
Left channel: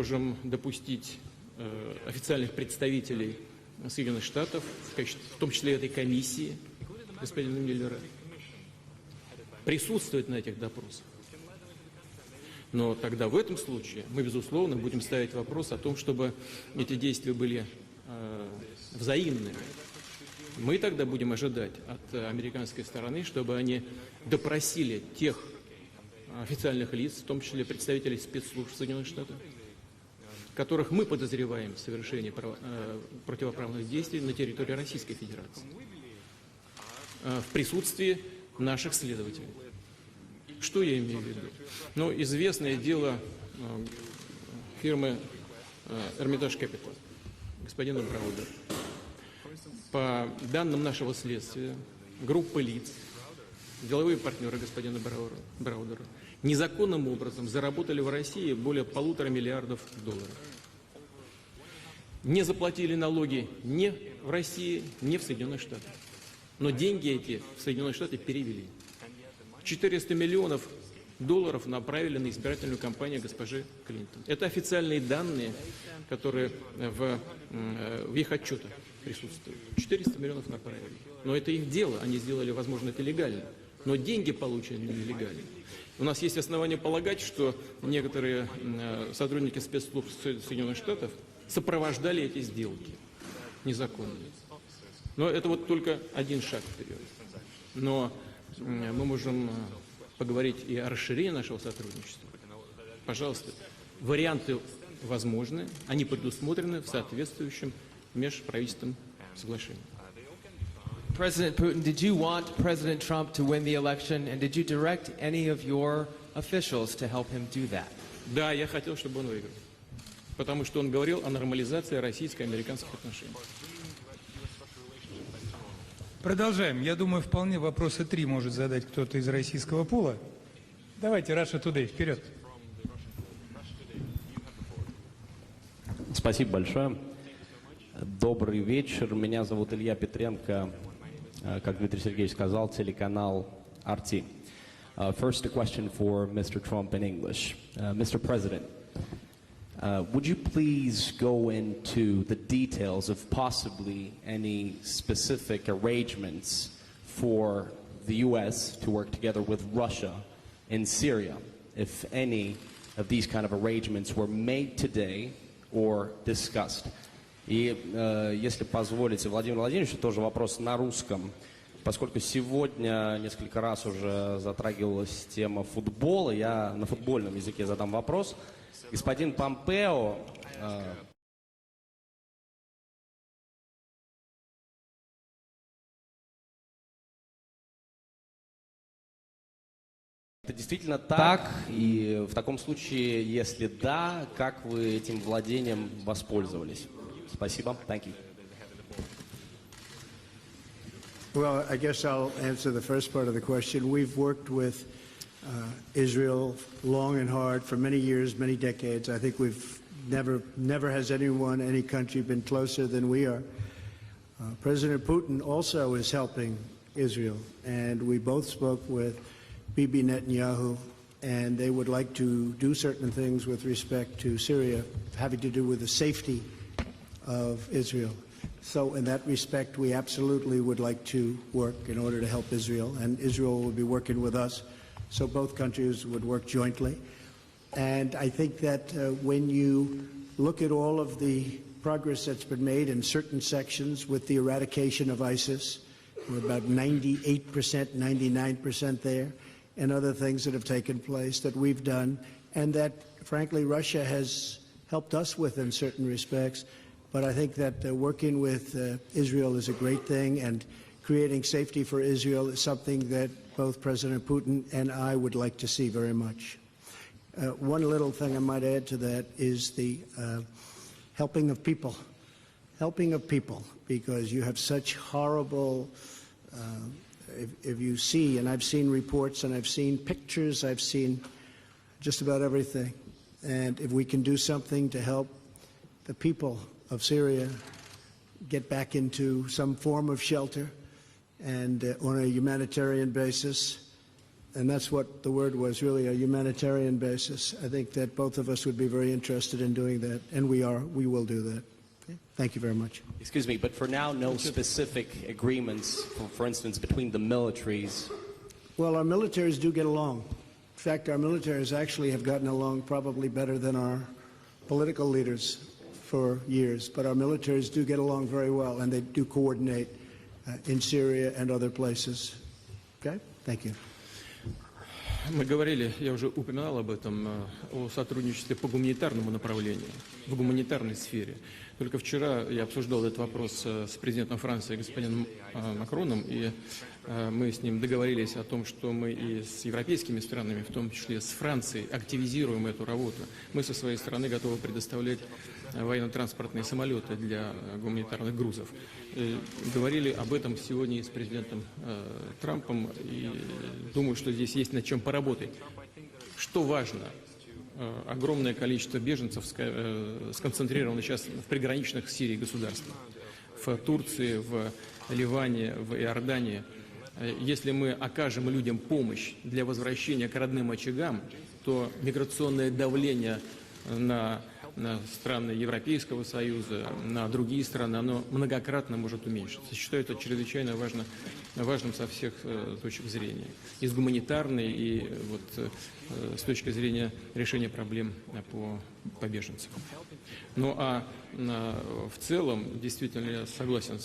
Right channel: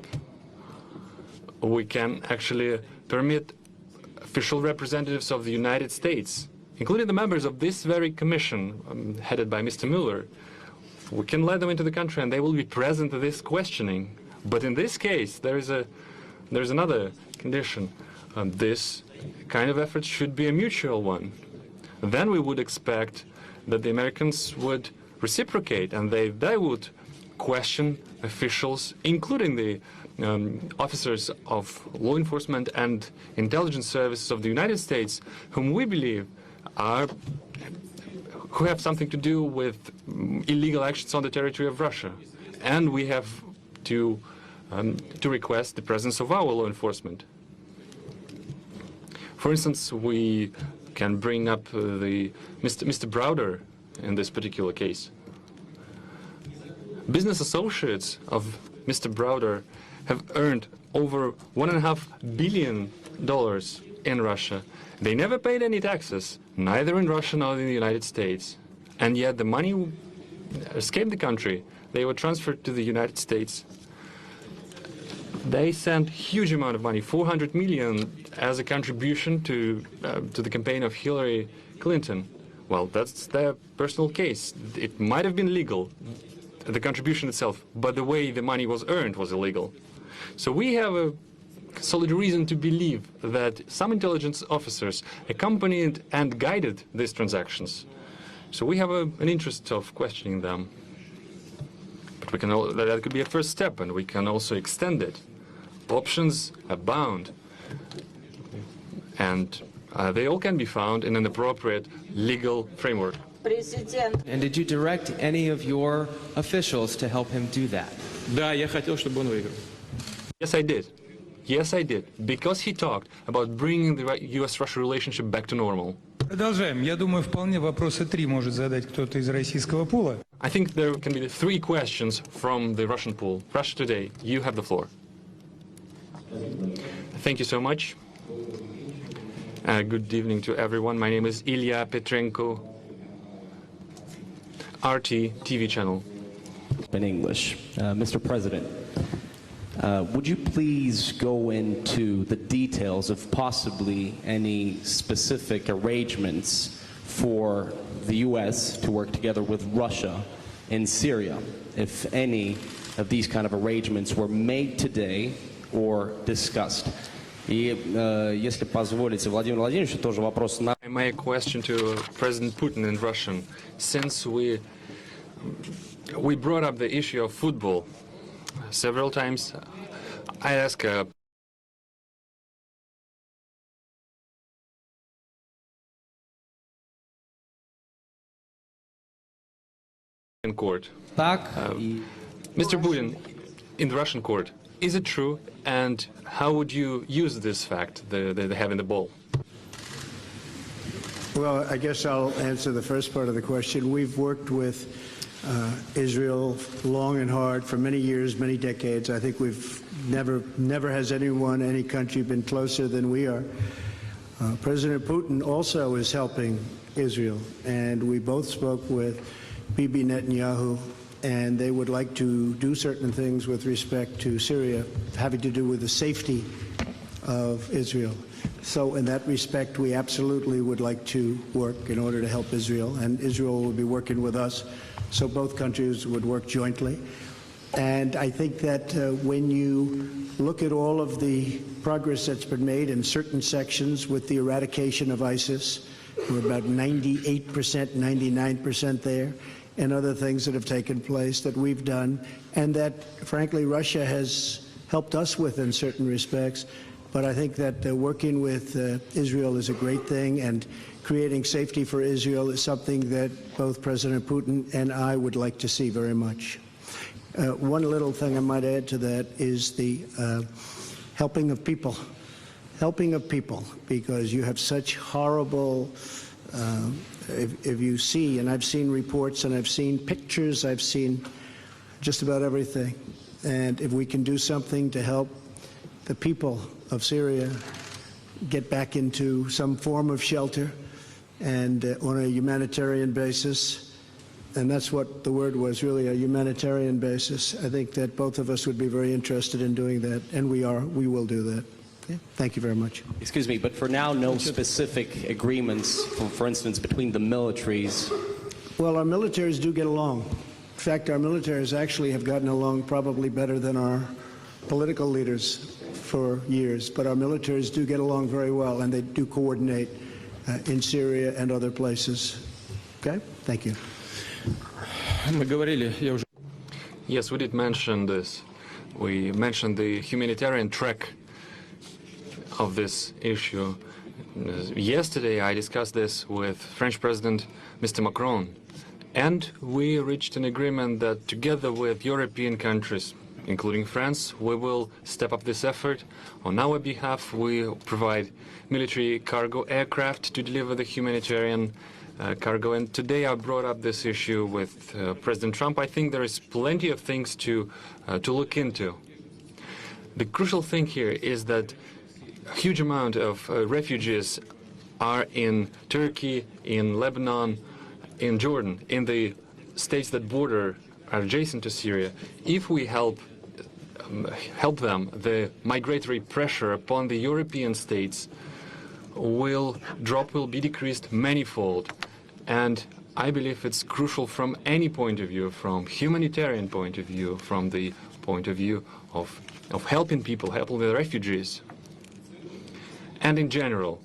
We can actually permit official representatives of the United States, including the members of this very commission headed by Mr. Mueller. We can let them into the country and they will be present at this questioning. But in this case, there is another condition. This kind of effort should be a mutual one. Then we would expect that the Americans would reciprocate and they would question officials, including the officers of law enforcement and intelligence services of the United States, whom we believe who have something to do with illegal actions on the territory of Russia. And we have to request the presence of our law enforcement. For instance, we can bring up Mr. Browder in this particular case. Business associates of Mr. Browder have earned over $1.5 billion in Russia. They never paid any taxes, neither in Russia nor in the United States. And yet the money escaped the country. They were transferred to the United States. They sent a huge amount of money, $400 million, as a contribution to the campaign of Hillary Clinton. Well, that's their personal case. It might have been legal, the contribution itself, but the way the money was earned was illegal. So we have a solid reason to believe that some intelligence officers accompanied and guided these transactions. So we have an interest of questioning them. But we can that could be a first step, and we can also extend it. Options abound, and they all can be found in an appropriate legal framework. Did you want President Trump to win the election, and did you direct any of your officials to help him do that? Yes, I did. Yes, I did. Because he talked about bringing the U.S.-Russia relationship back to normal. Продолжаем. Я думаю, вполне вопросы 3 может задать кто-то из российского пула. I think there can be 3 questions from the Russian pool. Russia Today, you have the floor. Спасибо большое. Thank you so much. Добрый вечер. Меня зовут Good evening to everyone. My name is Ilya Petrenko. Телеканал RT. RT First TV question channel. for Mr. Trump in English. Mr. President, would you please go into the details of possibly any specific arrangements for the U.S. to work together with Russia in Syria, if any of these kind of arrangements were made today or discussed? И если позволите, Владимир Владимирович, тоже вопрос на русском. My question to President Putin in Russian. Since we brought up the issue of football several times, I ask court. Mr. Putin, in Russian court, is it true? And how would you use this fact, the having the ball? Well, I guess I'll answer the first part of the question. We've worked with Israel long and hard for many years, many decades. I think we've never has any country been closer than we are. President Putin also is helping Israel, and we both spoke with Bibi Netanyahu, and they would like to do certain things with respect to Syria, having to do with the safety of Israel. So in that respect, we absolutely would like to work in order to help Israel, and Israel will be working with us, so both countries would work jointly. And I think that when you look at all of the progress that's been made in certain sections with the eradication of ISIS, we're about 98%, 99% there, and other things that have taken place that we've done, and that, frankly, Russia has helped us with in certain respects. But I think that working with Israel is a great thing, and creating safety for Israel is something that both President Putin and I would like to see very much. One little thing I might add to that is the helping of people. Helping of people, because you have such horrible, if you see, and I've seen reports and I've seen pictures, I've seen just about everything. And if we can do something to help the people of Syria get back into some form of shelter and on a humanitarian basis, and that's what the word was, really, a humanitarian basis, I think that both of us would be very interested in doing that, and we will do that. Okay? Thank you very much. Excuse me, but for now, no specific agreements, for instance, between the militaries? Well, our militaries do get along. In fact, our militaries actually have gotten along probably better than our political leaders for years, but our militaries do get along very well, and they do coordinate in Syria and other places. Okay? Thank you. Yes, we did mention this. We mentioned the humanitarian track of this issue. Yesterday I discussed this with French President Mr. Macron, and we reached an agreement that together with European countries, including France, we will step up this effort. On our behalf, we provide military cargo aircraft to deliver the humanitarian cargo. And today I brought up this issue with President Trump. I think there is plenty of things to look into. The crucial thing here is that a huge amount of refugees are in Turkey, in Lebanon, in Jordan, in the states that border are adjacent to Syria. If we help them, the migratory pressure upon the European states will be decreased manifold. And I believe it's crucial from any point of view, from humanitarian point of view, from the point of view of helping people, helping the refugees. And in general,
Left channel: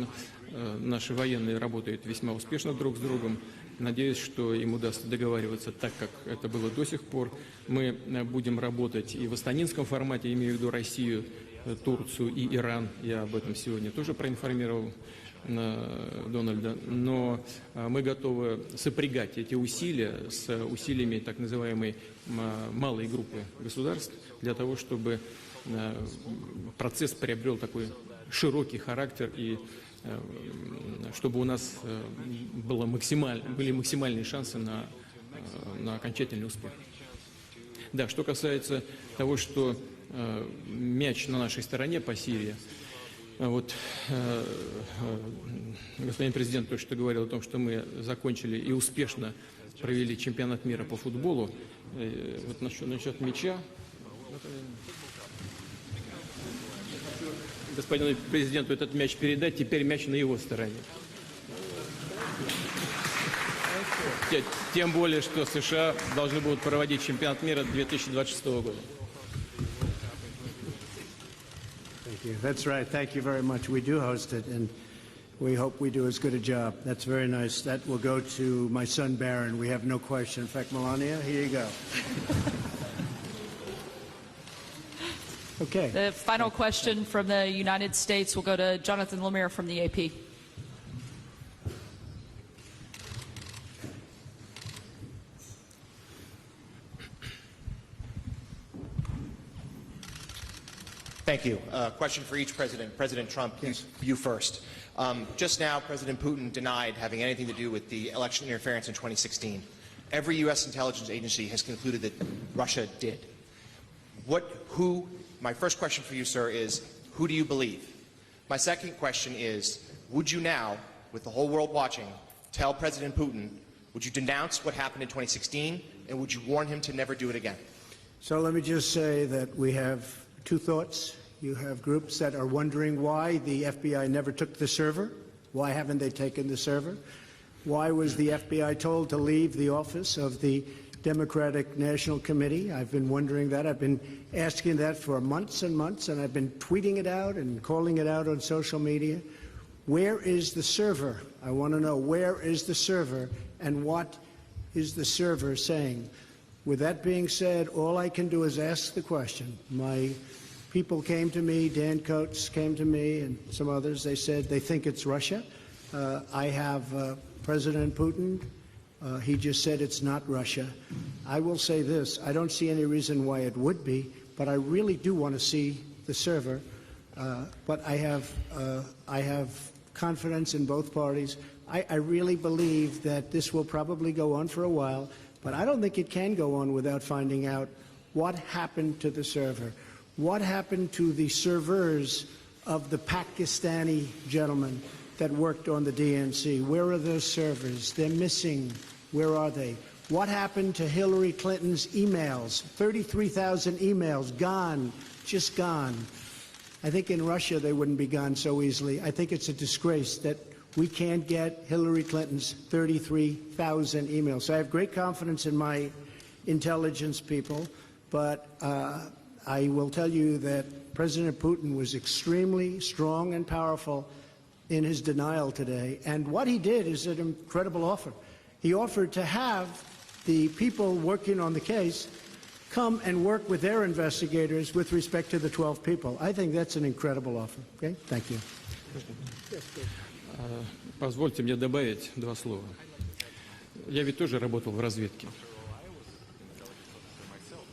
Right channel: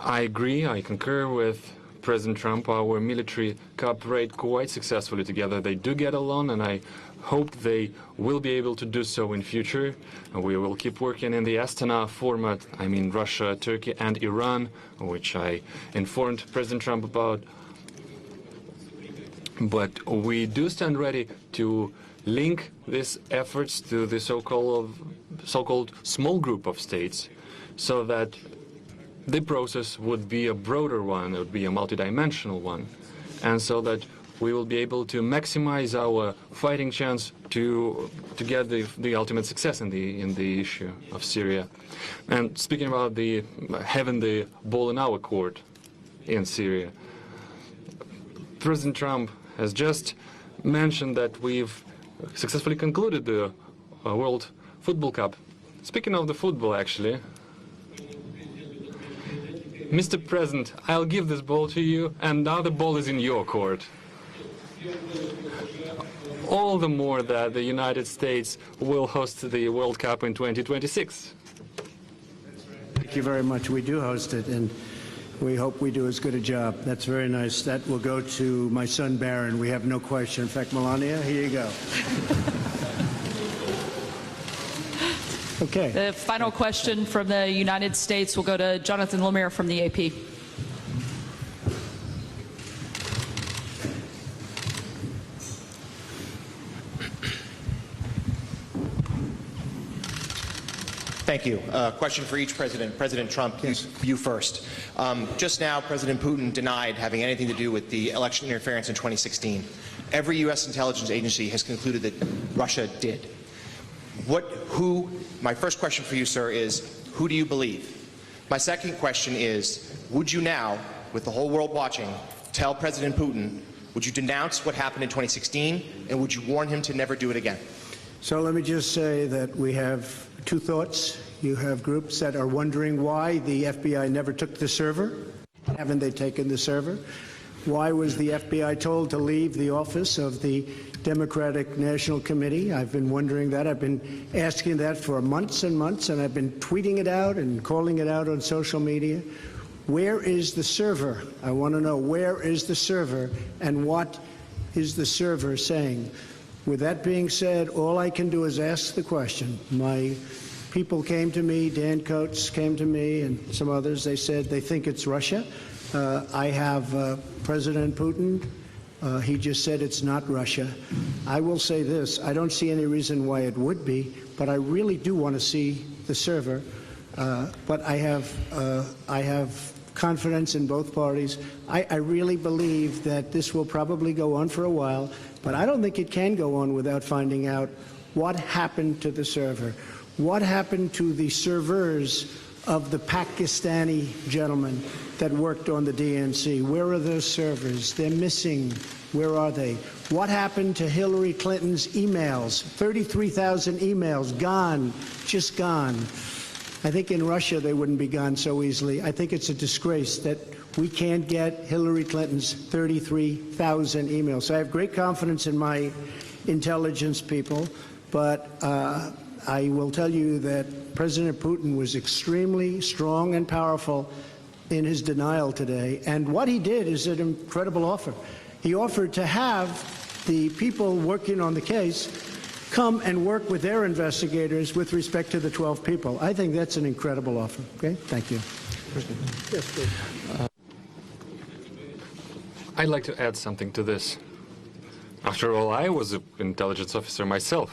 I agree, I concur with President Trump. Our military cooperate quite successfully together. They do get along, and I hope they will be able to do so in future. We will keep working in the Astana format, I mean Russia, Turkey and Iran, which I informed President Trump about. But we do stand ready to link these efforts to the so-called small group of states, so that the process would be a broader one, it would be a multidimensional one, and so that we will be able to maximize our fighting chance to get the ultimate success in the issue of Syria. And speaking about having the ball in our court in Syria, President Trump has just mentioned that we've successfully concluded the World Football Cup. Speaking of the football, actually, Mr. President, I'll give this ball to you, and now the ball is in your court. All the more that the United States will host the World Cup in 2026. Thank you. That's right. Thank you very much. We do host it, and we hope we do as good a job. That's very nice. That will go to my son, Barron. We have no question. In fact, Melania, here you go. Okay. The final question from the United States will go to Jonathan Lemire from the AP. Thank you. Question for each president. President Trump, yes. You first. Just now, President Putin denied having anything to do with the election interference in 2016. Every U.S. intelligence agency has concluded that Russia did. My first question for you, sir, is who do you believe? My second question is, would you now, with the whole world watching, tell President Putin, would you denounce what happened in 2016, and would you warn him to never do it again? So let me just say that we have two thoughts. You have groups that are wondering why the FBI never took the server. Why haven't they taken the server? Why was the FBI told to leave the office of the Democratic National Committee? I've been wondering that. I've been asking that for months and months, and I've been tweeting it out and calling it out on social media. Where is the server? I want to know, where is the server, and what is the server saying? With that being said, all I can do is ask the question. My people came to me, Dan Coates came to me, and some others. They said they think it's Russia. I have President Putin. He just said it's not Russia. I will say this. I don't see any reason why it would be, but I really do want to see the server. But I have confidence in both parties. I really believe that this will probably go on for a while, but I don't think it can go on without finding out what happened to the server. What happened to the servers of the Pakistani gentlemen that worked on the DNC? Where are those servers? They're missing. Where are they? What happened to Hillary Clinton's emails? 33,000 emails, gone, just gone. I think in Russia they wouldn't be gone so easily. I think it's a disgrace that we can't get Hillary Clinton's 33,000 emails. So I have great confidence in my intelligence people, but I will tell you that President Putin was extremely strong and powerful in his denial today. And what he did is an incredible offer. He offered to have the people working on the case come and work with their investigators with respect to the 12 people. I think that's an incredible offer. Okay? Thank you. Yes, please. Позвольте мне добавить два слова. I'd like to add something to Я this. ведь тоже работал в разведке. After all, I was an intelligence officer myself.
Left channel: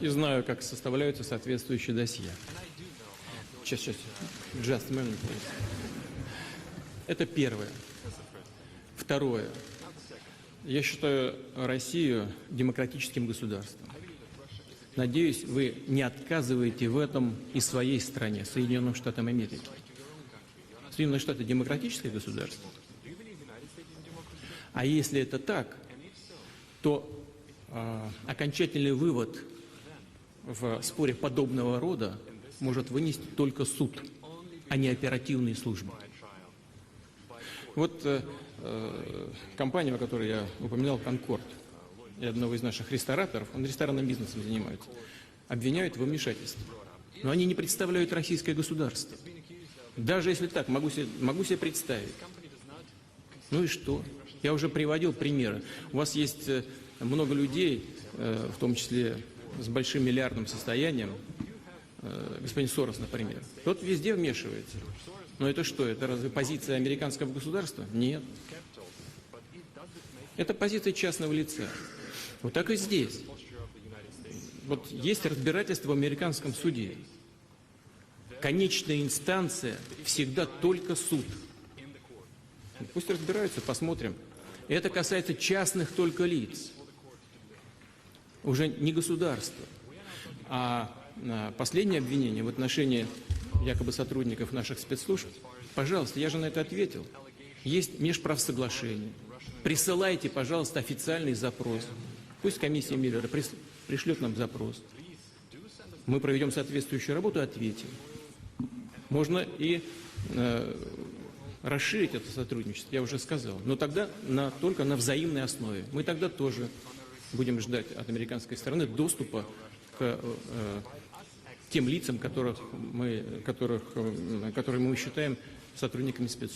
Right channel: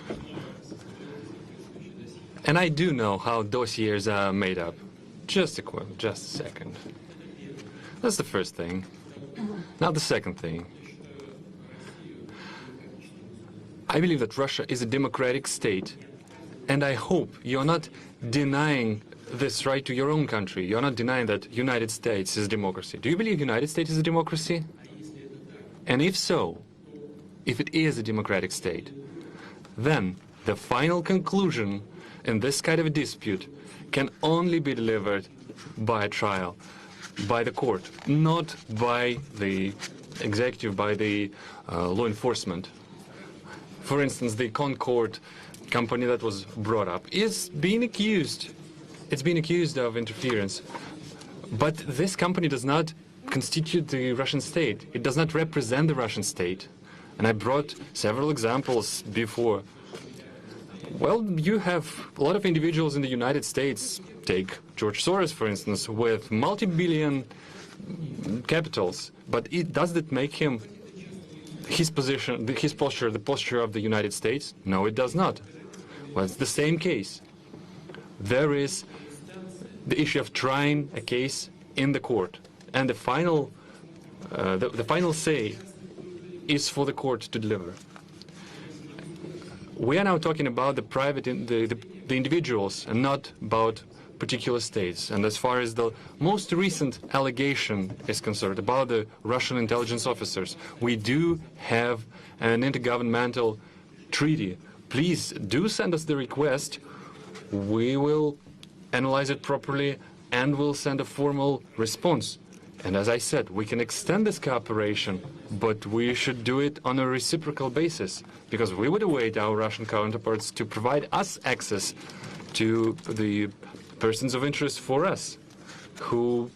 И знаю, как составляются соответствующие досье. And I do know how dossiers are made up. Just a minute. Just a second. Это первое. That's the first thing. Второе. Now the second thing. Я считаю Россию демократическим государством. I believe that Russia is a democratic Надеюсь, вы state. не отказываете And I в hope этом и you're not своей стране, denying Соединенным Штатам Америки. this right to your own country. You're not denying that the United States is a democracy. Do you believe the United States is a democracy? А если это так, And if so, то if it is a democratic state, окончательный вывод then the final conclusion in this kind of a dispute can only be delivered by a trial, by the court, not by the executive, by the law enforcement. For instance, the Concord company that was brought up is being accused. It's been accused of interference. But this company does not constitute the Russian state. It does not represent the Russian state. And I brought several examples before. Well, you have a lot of individuals in the United States, take George Soros, for instance, with multi-billion capitals. But does that make him his position, his posture, the posture of the United States? No, it does not. Well, it's the same case. There is the issue of trying a case in the court. And the final say is for the court to deliver. We are now talking about the private, the individuals, and not about particular states. And as far as the most recent allegation is concerned about the Russian intelligence officers, we do have an intergovernmental treaty. Please do send us the request. We will analyze it properly and will send a formal response. And as I said, we can extend this cooperation, but we should do it on a reciprocal basis, because we would await our Russian counterparts to provide us access to the persons of interest for us, who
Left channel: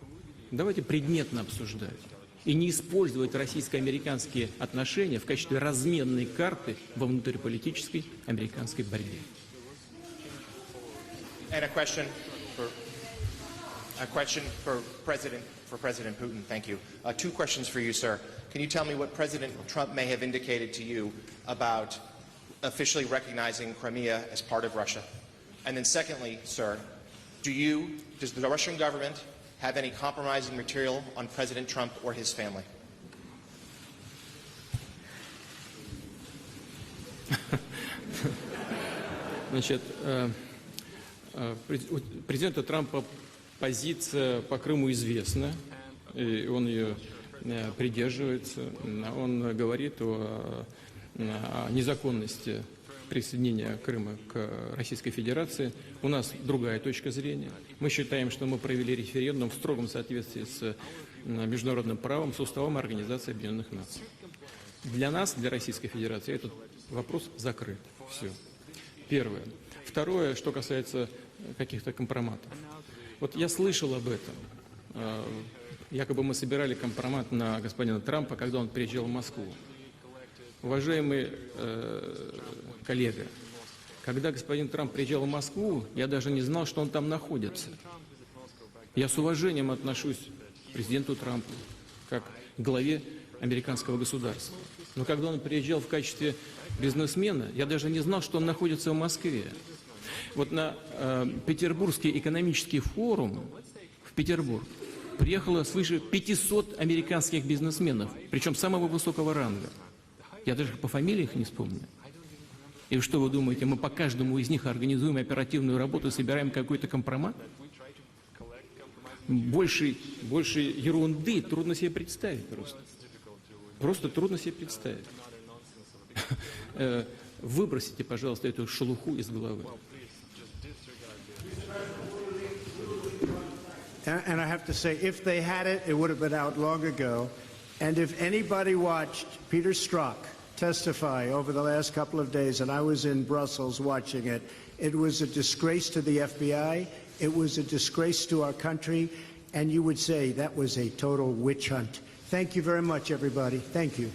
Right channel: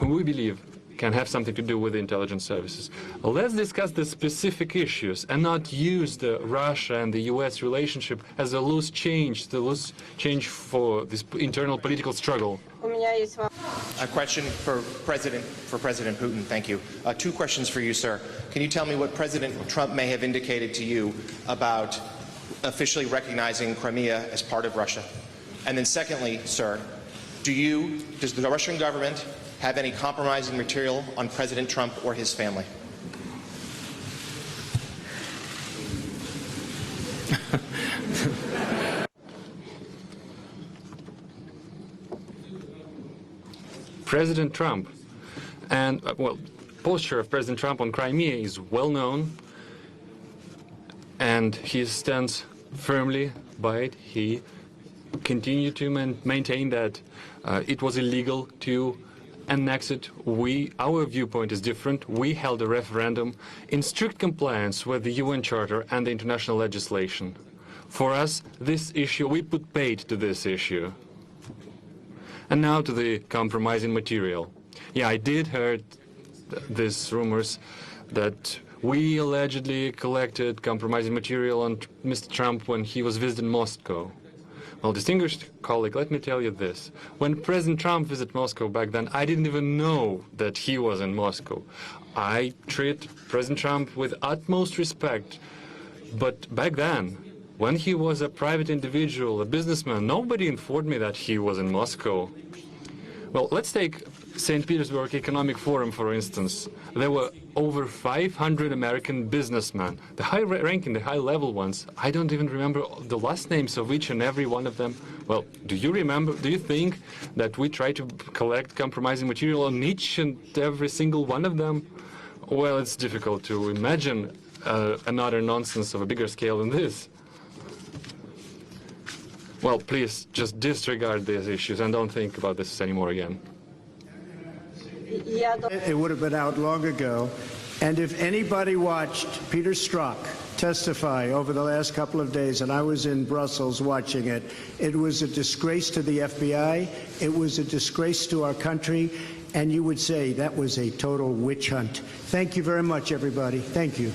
we believe can have something to do with the intelligence services. Well, let's discuss the specific issues and not use the Russia and the U.S. relationship as a loose change, for this internal political struggle. A question for President Putin. Thank you. Two questions for you, sir. Can you tell me what President Trump may have indicated to you about officially recognizing Crimea as part of Russia? And then secondly, sir, does the Russian government have any compromising material on President Trump or his family? President Trump and posture of President Trump on Crimea is well known. and he stands firmly by it. He continued to maintain that it was illegal to annex it. Our viewpoint is different. We held a referendum in strict compliance with the UN Charter and the international legislation. For us, this issue, we put paid to this issue. And now to the compromising material. Yeah, I did hear these rumors that we allegedly collected compromising material on Mr. Trump when he was visiting Moscow. Well, distinguished colleague, let me tell you this. When President Trump visited Moscow back then, I didn't even know that he was in Moscow. I treat President Trump with utmost respect, but back then, when he was a private individual, a businessman, nobody informed me that he was in Moscow. Well, let's take St. Petersburg Economic Forum, for instance. There were over 500 American businessmen, the high-ranking, the high-level ones. I don't even remember the last names of each and every one of them. Well, do you remember, do you think that we try to collect compromising material on each and every single one of them? Well, it's difficult to imagine another nonsense of a bigger scale than this. Well, please, just disregard these issues and don't think about this anymore again. And I have to say, if they had it, it would have been out long ago. And if anybody watched Peter Strzok testify over the last couple of days, and I was in Brussels watching it, it was a disgrace to the FBI, it was a disgrace to our country, and you would say that was a total witch hunt. Thank you very much, everybody. Thank you.